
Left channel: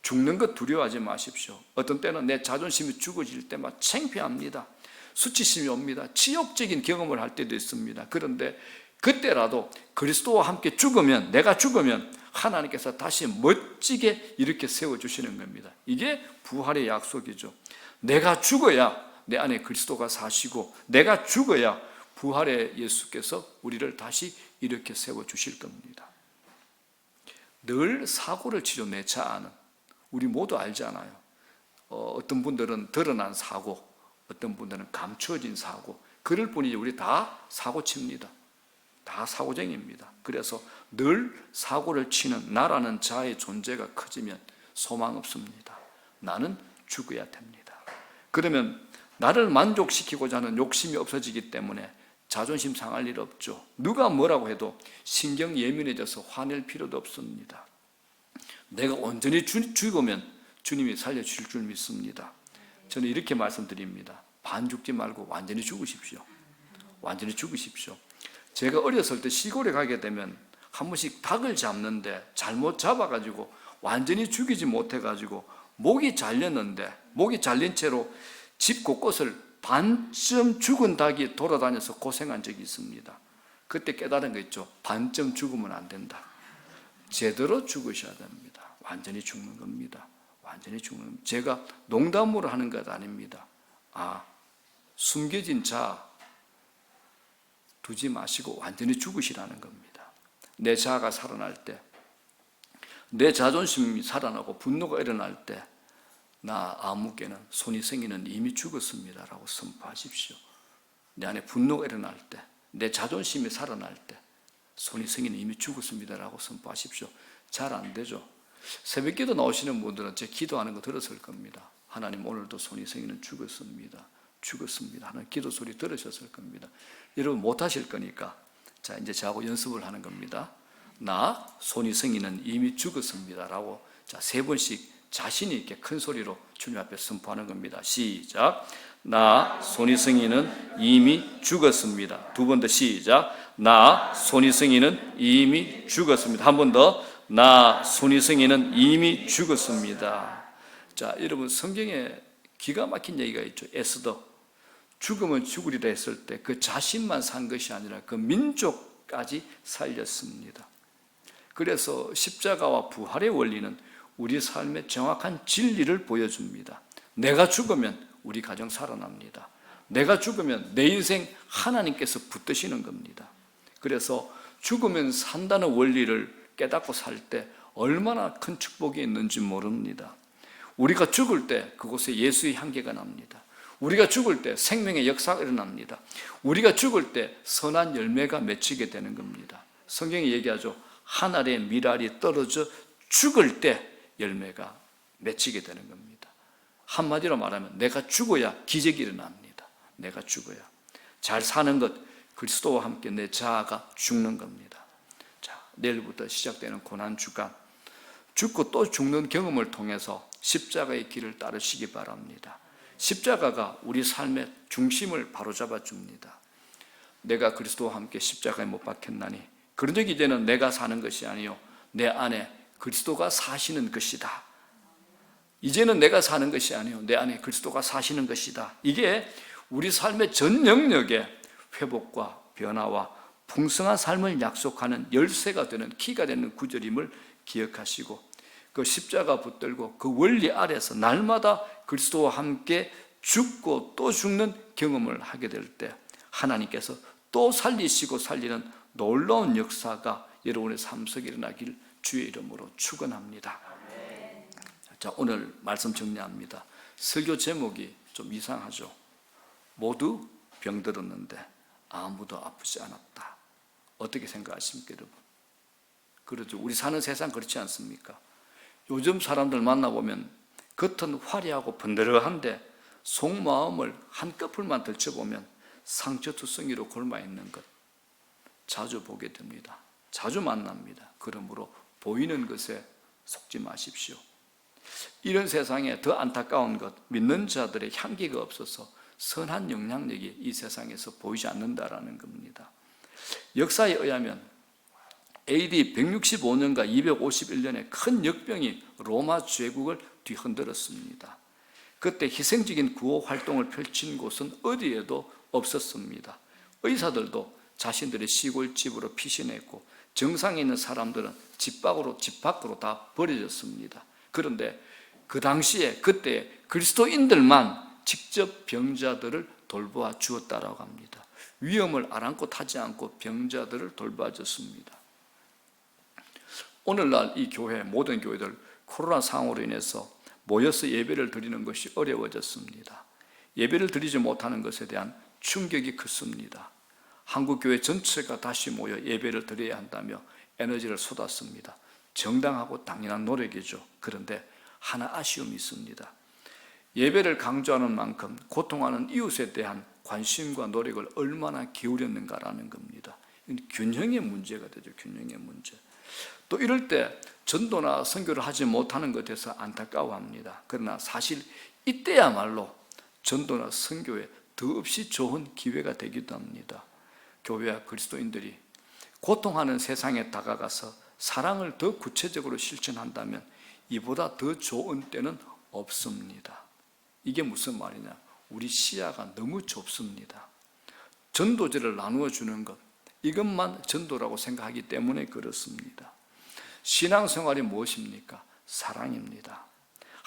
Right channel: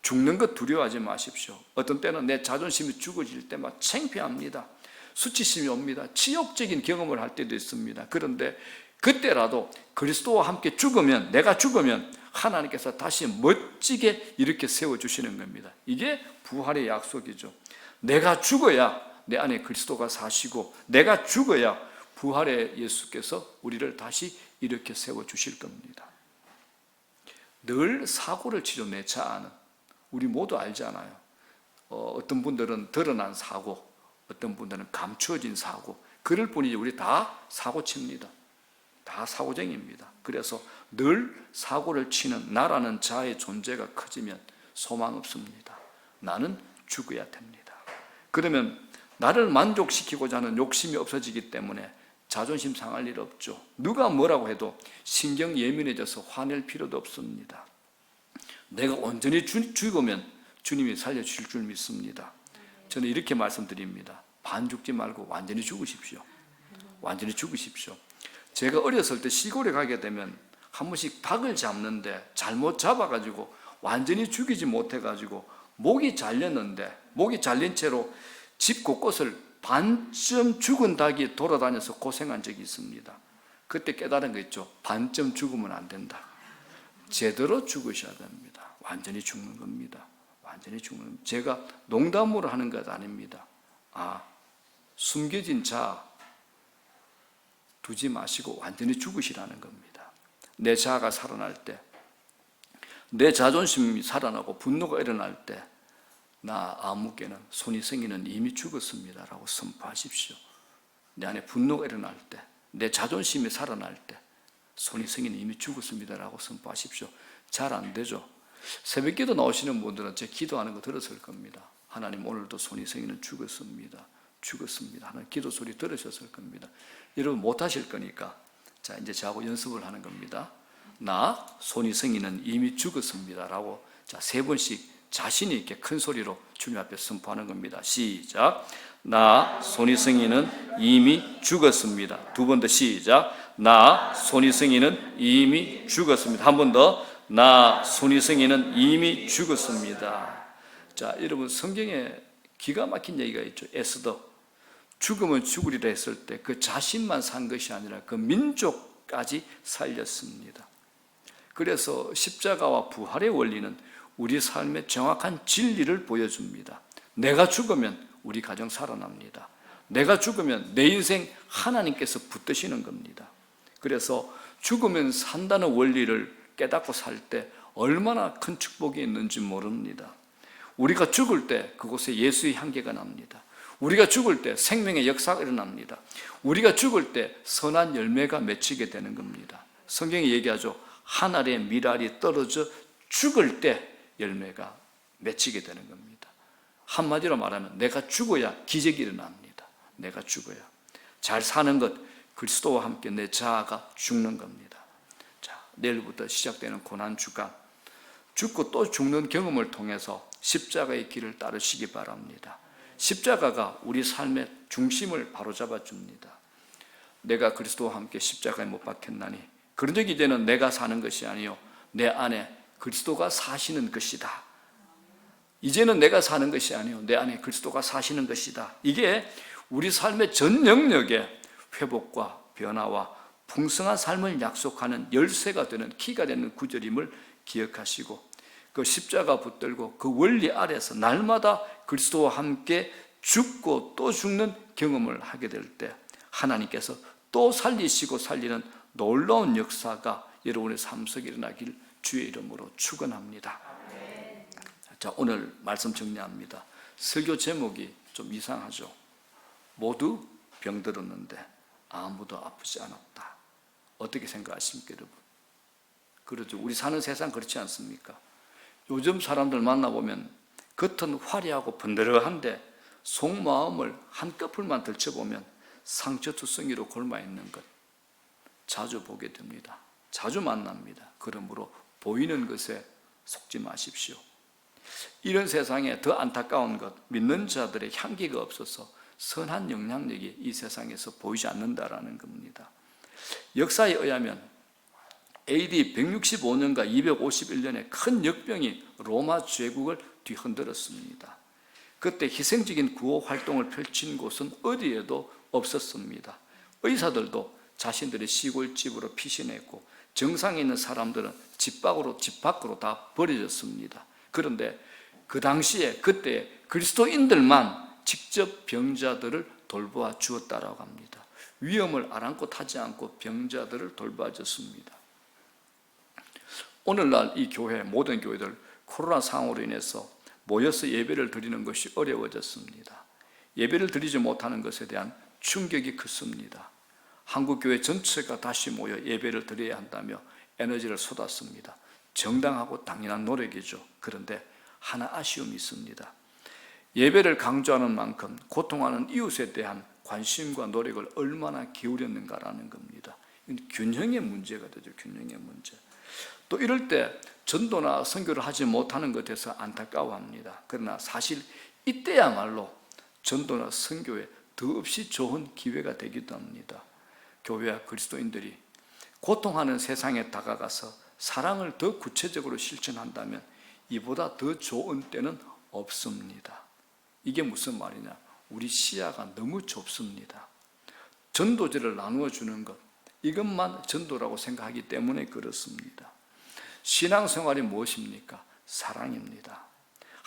죽는 것 두려워하지 마십시오. 어떤 때는 내 자존심이 죽어질 때 막 창피합니다. 수치심이 옵니다. 치욕적인 경험을 할 때도 있습니다. 그런데 그때라도 그리스도와 함께 죽으면, 내가 죽으면 하나님께서 다시 멋지게 이렇게 세워주시는 겁니다. 이게 부활의 약속이죠. 내가 죽어야 내 안에 그리스도가 사시고, 내가 죽어야 부활의 예수께서 우리를 다시 이렇게 세워주실 겁니다. 늘 사고를 치죠. 내 자아는. 우리 모두 알잖아요. 어떤 분들은 드러난 사고, 어떤 분들은 감추어진 사고, 그럴 뿐이지 우리 다 사고 칩니다. 다 사고쟁이입니다. 그래서 늘 사고를 치는 나라는 자의 존재가 커지면 소망 없습니다. 나는 죽어야 됩니다. 그러면 나를 만족시키고자 하는 욕심이 없어지기 때문에 자존심 상할 일 없죠. 누가 뭐라고 해도 신경 예민해져서 화낼 필요도 없습니다. 내가 온전히 죽으면 주님이 살려주실 줄 믿습니다. 저는 이렇게 말씀드립니다. 반 죽지 말고 완전히 죽으십시오. 완전히 죽으십시오. 제가 어렸을 때 시골에 가게 되면 한 번씩 닭을 잡는데 잘못 잡아가지고 완전히 죽이지 못해가지고 목이 잘렸는데, 목이 잘린 채로 집 곳곳을 반쯤 죽은 닭이 돌아다녀서 고생한 적이 있습니다. 그때 깨달은 거 있죠. 반쯤 죽으면 안 된다. 제대로 죽으셔야 됩니다. 완전히 죽는 겁니다. 완전히 죽는. 제가 농담으로 하는 것 아닙니다. 숨겨진 자 두지 마시고 완전히 죽으시라는 겁니다. 내 자아가 살아날 때, 내 자존심이 살아나고 분노가 일어날 때, 나 아무개는 손이성이는 이미 죽었습니다 라고 선포하십시오. 내 안에 분노가 일어날 때, 내 자존심이 살아날 때, 손이성이는 이미 죽었습니다 라고 선포하십시오. 잘 안 되죠. 새벽기도 나오시는 분들은 제 기도하는 거 들었을 겁니다. 하나님, 오늘도 손이성이는 죽었습니다. 죽었습니다 하는 기도 소리 들으셨을 겁니다. 여러분 못하실 거니까 자, 이제 저하고 연습을 하는 겁니다. 나 손이성이는 이미 죽었습니다 라고 자, 3번씩 자신 있게 큰 소리로 주님 앞에 선포하는 겁니다. 시작. 나 손이성이는 이미 죽었습니다. 2번 더 시작. 나 손이성이는 이미 죽었습니다. 한 번 더. 나 손이성이는 이미 죽었습니다. 자, 여러분 성경에 기가 막힌 얘기가 있죠. 에스더 죽으면 죽으리라 했을 때 그 자신만 산 것이 아니라 그 민족까지 살렸습니다. 그래서 십자가와 부활의 원리는 우리 삶의 정확한 진리를 보여줍니다. 내가 죽으면 우리 가정 살아납니다. 내가 죽으면 내 인생 하나님께서 붙드시는 겁니다. 그래서 죽으면 산다는 원리를 깨닫고 살 때 얼마나 큰 축복이 있는지 모릅니다. 우리가 죽을 때 그곳에 예수의 향기가 납니다. 우리가 죽을 때 생명의 역사가 일어납니다. 우리가 죽을 때 선한 열매가 맺히게 되는 겁니다. 성경이 얘기하죠. 한 알의 밀알이 떨어져 죽을 때 열매가 맺히게 되는 겁니다. 한마디로 말하면 내가 죽어야 기적이 일어납니다. 내가 죽어야. 잘 사는 것, 그리스도와 함께 내 자아가 죽는 겁니다. 자, 내일부터 시작되는 고난주간, 죽고 또 죽는 경험을 통해서 십자가의 길을 따르시기 바랍니다. 십자가가 우리 삶의 중심을 바로잡아 줍니다. 내가 그리스도와 함께 십자가에 못 박혔나니 그런 적이 이제는 내가 사는 것이 아니요 내 안에 그리스도가 사시는 것이다. 이제는 내가 사는 것이 아니요 내 안에 그리스도가 사시는 것이다. 이게 우리 삶의 전 영역에 회복과 변화와 풍성한 삶을 약속하는 열쇠가 되는 키가 되는 구절임을 기억하시고 그 십자가 붙들고 그 원리 아래서 날마다 그리스도와 함께 죽고 또 죽는 경험을 하게 될 때 하나님께서 또 살리시고 살리는 놀라운 역사가 여러분의 삶 속에 일어나길 주의 이름으로 축원합니다. 자, 오늘 말씀 정리합니다. 설교 제목이 좀 이상하죠. 모두 병들었는데 아무도 아프지 않았다. 어떻게 생각하십니까, 여러분? 그렇죠. 우리 사는 세상 그렇지 않습니까? 요즘 사람들 만나보면 겉은 화려하고 번들어한데 속마음을 한꺼풀만 들춰보면 상처투성이로 골마있는 것 자주 보게 됩니다. 자주 만납니다. 그러므로 보이는 것에 속지 마십시오. 이런 세상에 더 안타까운 것, 믿는 자들의 향기가 없어서 선한 영향력이 이 세상에서 보이지 않는다라는 겁니다. 역사에 의하면 AD 165년과 251년에 큰 역병이 로마 제국을 뒤흔들었습니다. 그때 희생적인 구호 활동을 펼친 곳은 어디에도 없었습니다. 의사들도 자신들의 시골집으로 피신했고 정상에 있는 사람들은 집 밖으로 다 버려졌습니다. 그런데 그 당시에 그때 그리스도인들만 직접 병자들을 돌보아 주었다라고 합니다. 위험을 아랑곳하지 않고 병자들을 돌봐 줬습니다. 오늘날 이 교회, 모든 교회들 코로나 상황으로 인해서 모여서 예배를 드리는 것이 어려워졌습니다. 예배를 드리지 못하는 것에 대한 충격이 컸습니다. 한국교회 전체가 다시 모여 예배를 드려야 한다며 에너지를 쏟았습니다. 정당하고 당연한 노력이죠. 그런데 하나 아쉬움이 있습니다. 예배를 강조하는 만큼 고통하는 이웃에 대한 관심과 노력을 얼마나 기울였는가라는 겁니다. 균형의 문제가 되죠. 균형의 문제. 또 이럴 때 전도나 선교를 하지 못하는 것에서 안타까워합니다. 그러나 사실 이때야말로 전도나 선교에 더없이 좋은 기회가 되기도 합니다. 교회와 그리스도인들이 고통하는 세상에 다가가서 사랑을 더 구체적으로 실천한다면 이보다 더 좋은 때는 없습니다. 이게 무슨 말이냐? 우리 시야가 너무 좁습니다. 전도제를 나누어 주는 것, 이것만 전도라고 생각하기 때문에 그렇습니다. 신앙생활이 무엇입니까? 사랑입니다.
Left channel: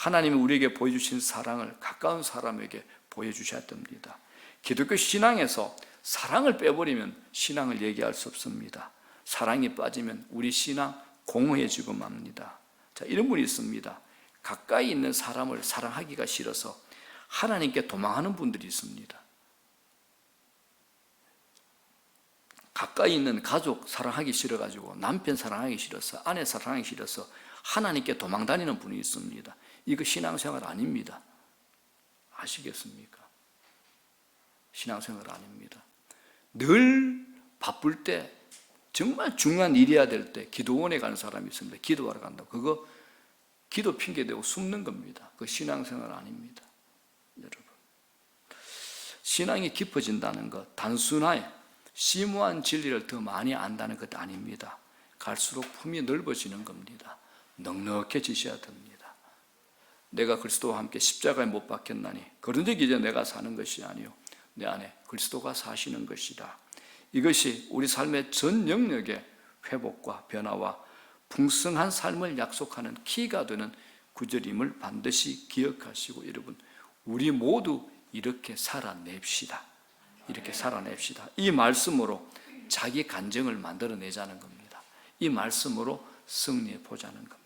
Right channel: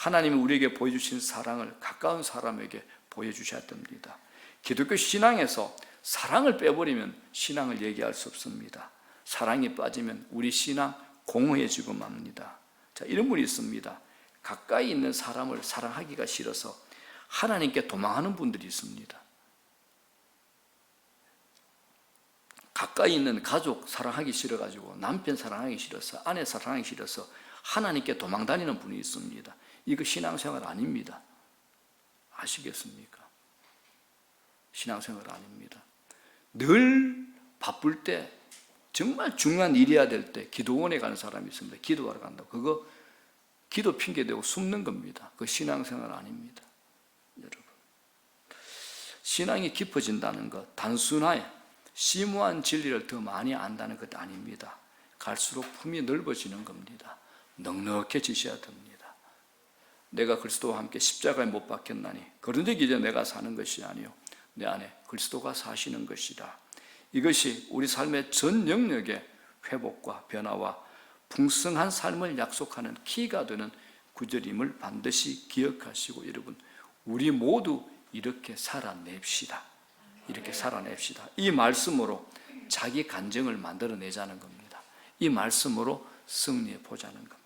하나님이 우리에게 보여주신 사랑을 가까운 사람에게 보여주셔야 됩니다. 기독교 신앙에서 사랑을 빼버리면 신앙을 얘기할 수 없습니다. 사랑이 빠지면 우리 신앙 공허해지고 맙니다. 자, 이런 분이 있습니다. 가까이 있는 사람을 사랑하기가 싫어서 하나님께 도망하는 분들이 있습니다. 가까이 있는 가족 사랑하기 싫어가지고 남편 사랑하기 싫어서 아내 사랑하기 싫어서 하나님께 도망다니는 분이 있습니다. 이거 신앙생활 아닙니다. 아시겠습니까? 신앙생활 아닙니다. 늘 바쁠 때 정말 중요한 일이어야 될 때 기도원에 가는 사람이 있습니다. 기도하러 간다고. 그거 기도 핑계대고 숨는 겁니다. 그거 신앙생활 아닙니다. 여러분, 신앙이 깊어진다는 것, 단순하게 심오한 진리를 더 많이 안다는 것 아닙니다. 갈수록 품이 넓어지는 겁니다. 넉넉해지셔야 됩니다. 내가 그리스도와 함께 십자가에 못 박혔나니 거듭되기 전에 내가 사는 것이 아니요 내 안에 그리스도가 사시는 것이다. 이것이 우리 삶의 전 영역의 회복과 변화와 풍성한 삶을 약속하는 키가 되는 구절임을 반드시 기억하시고, 여러분, 우리 모두 이렇게 살아냅시다. 이렇게 살아냅시다. 이 말씀으로 자기 간증을 만들어내자는 겁니다. 이 말씀으로 승리해 보자는 겁니다.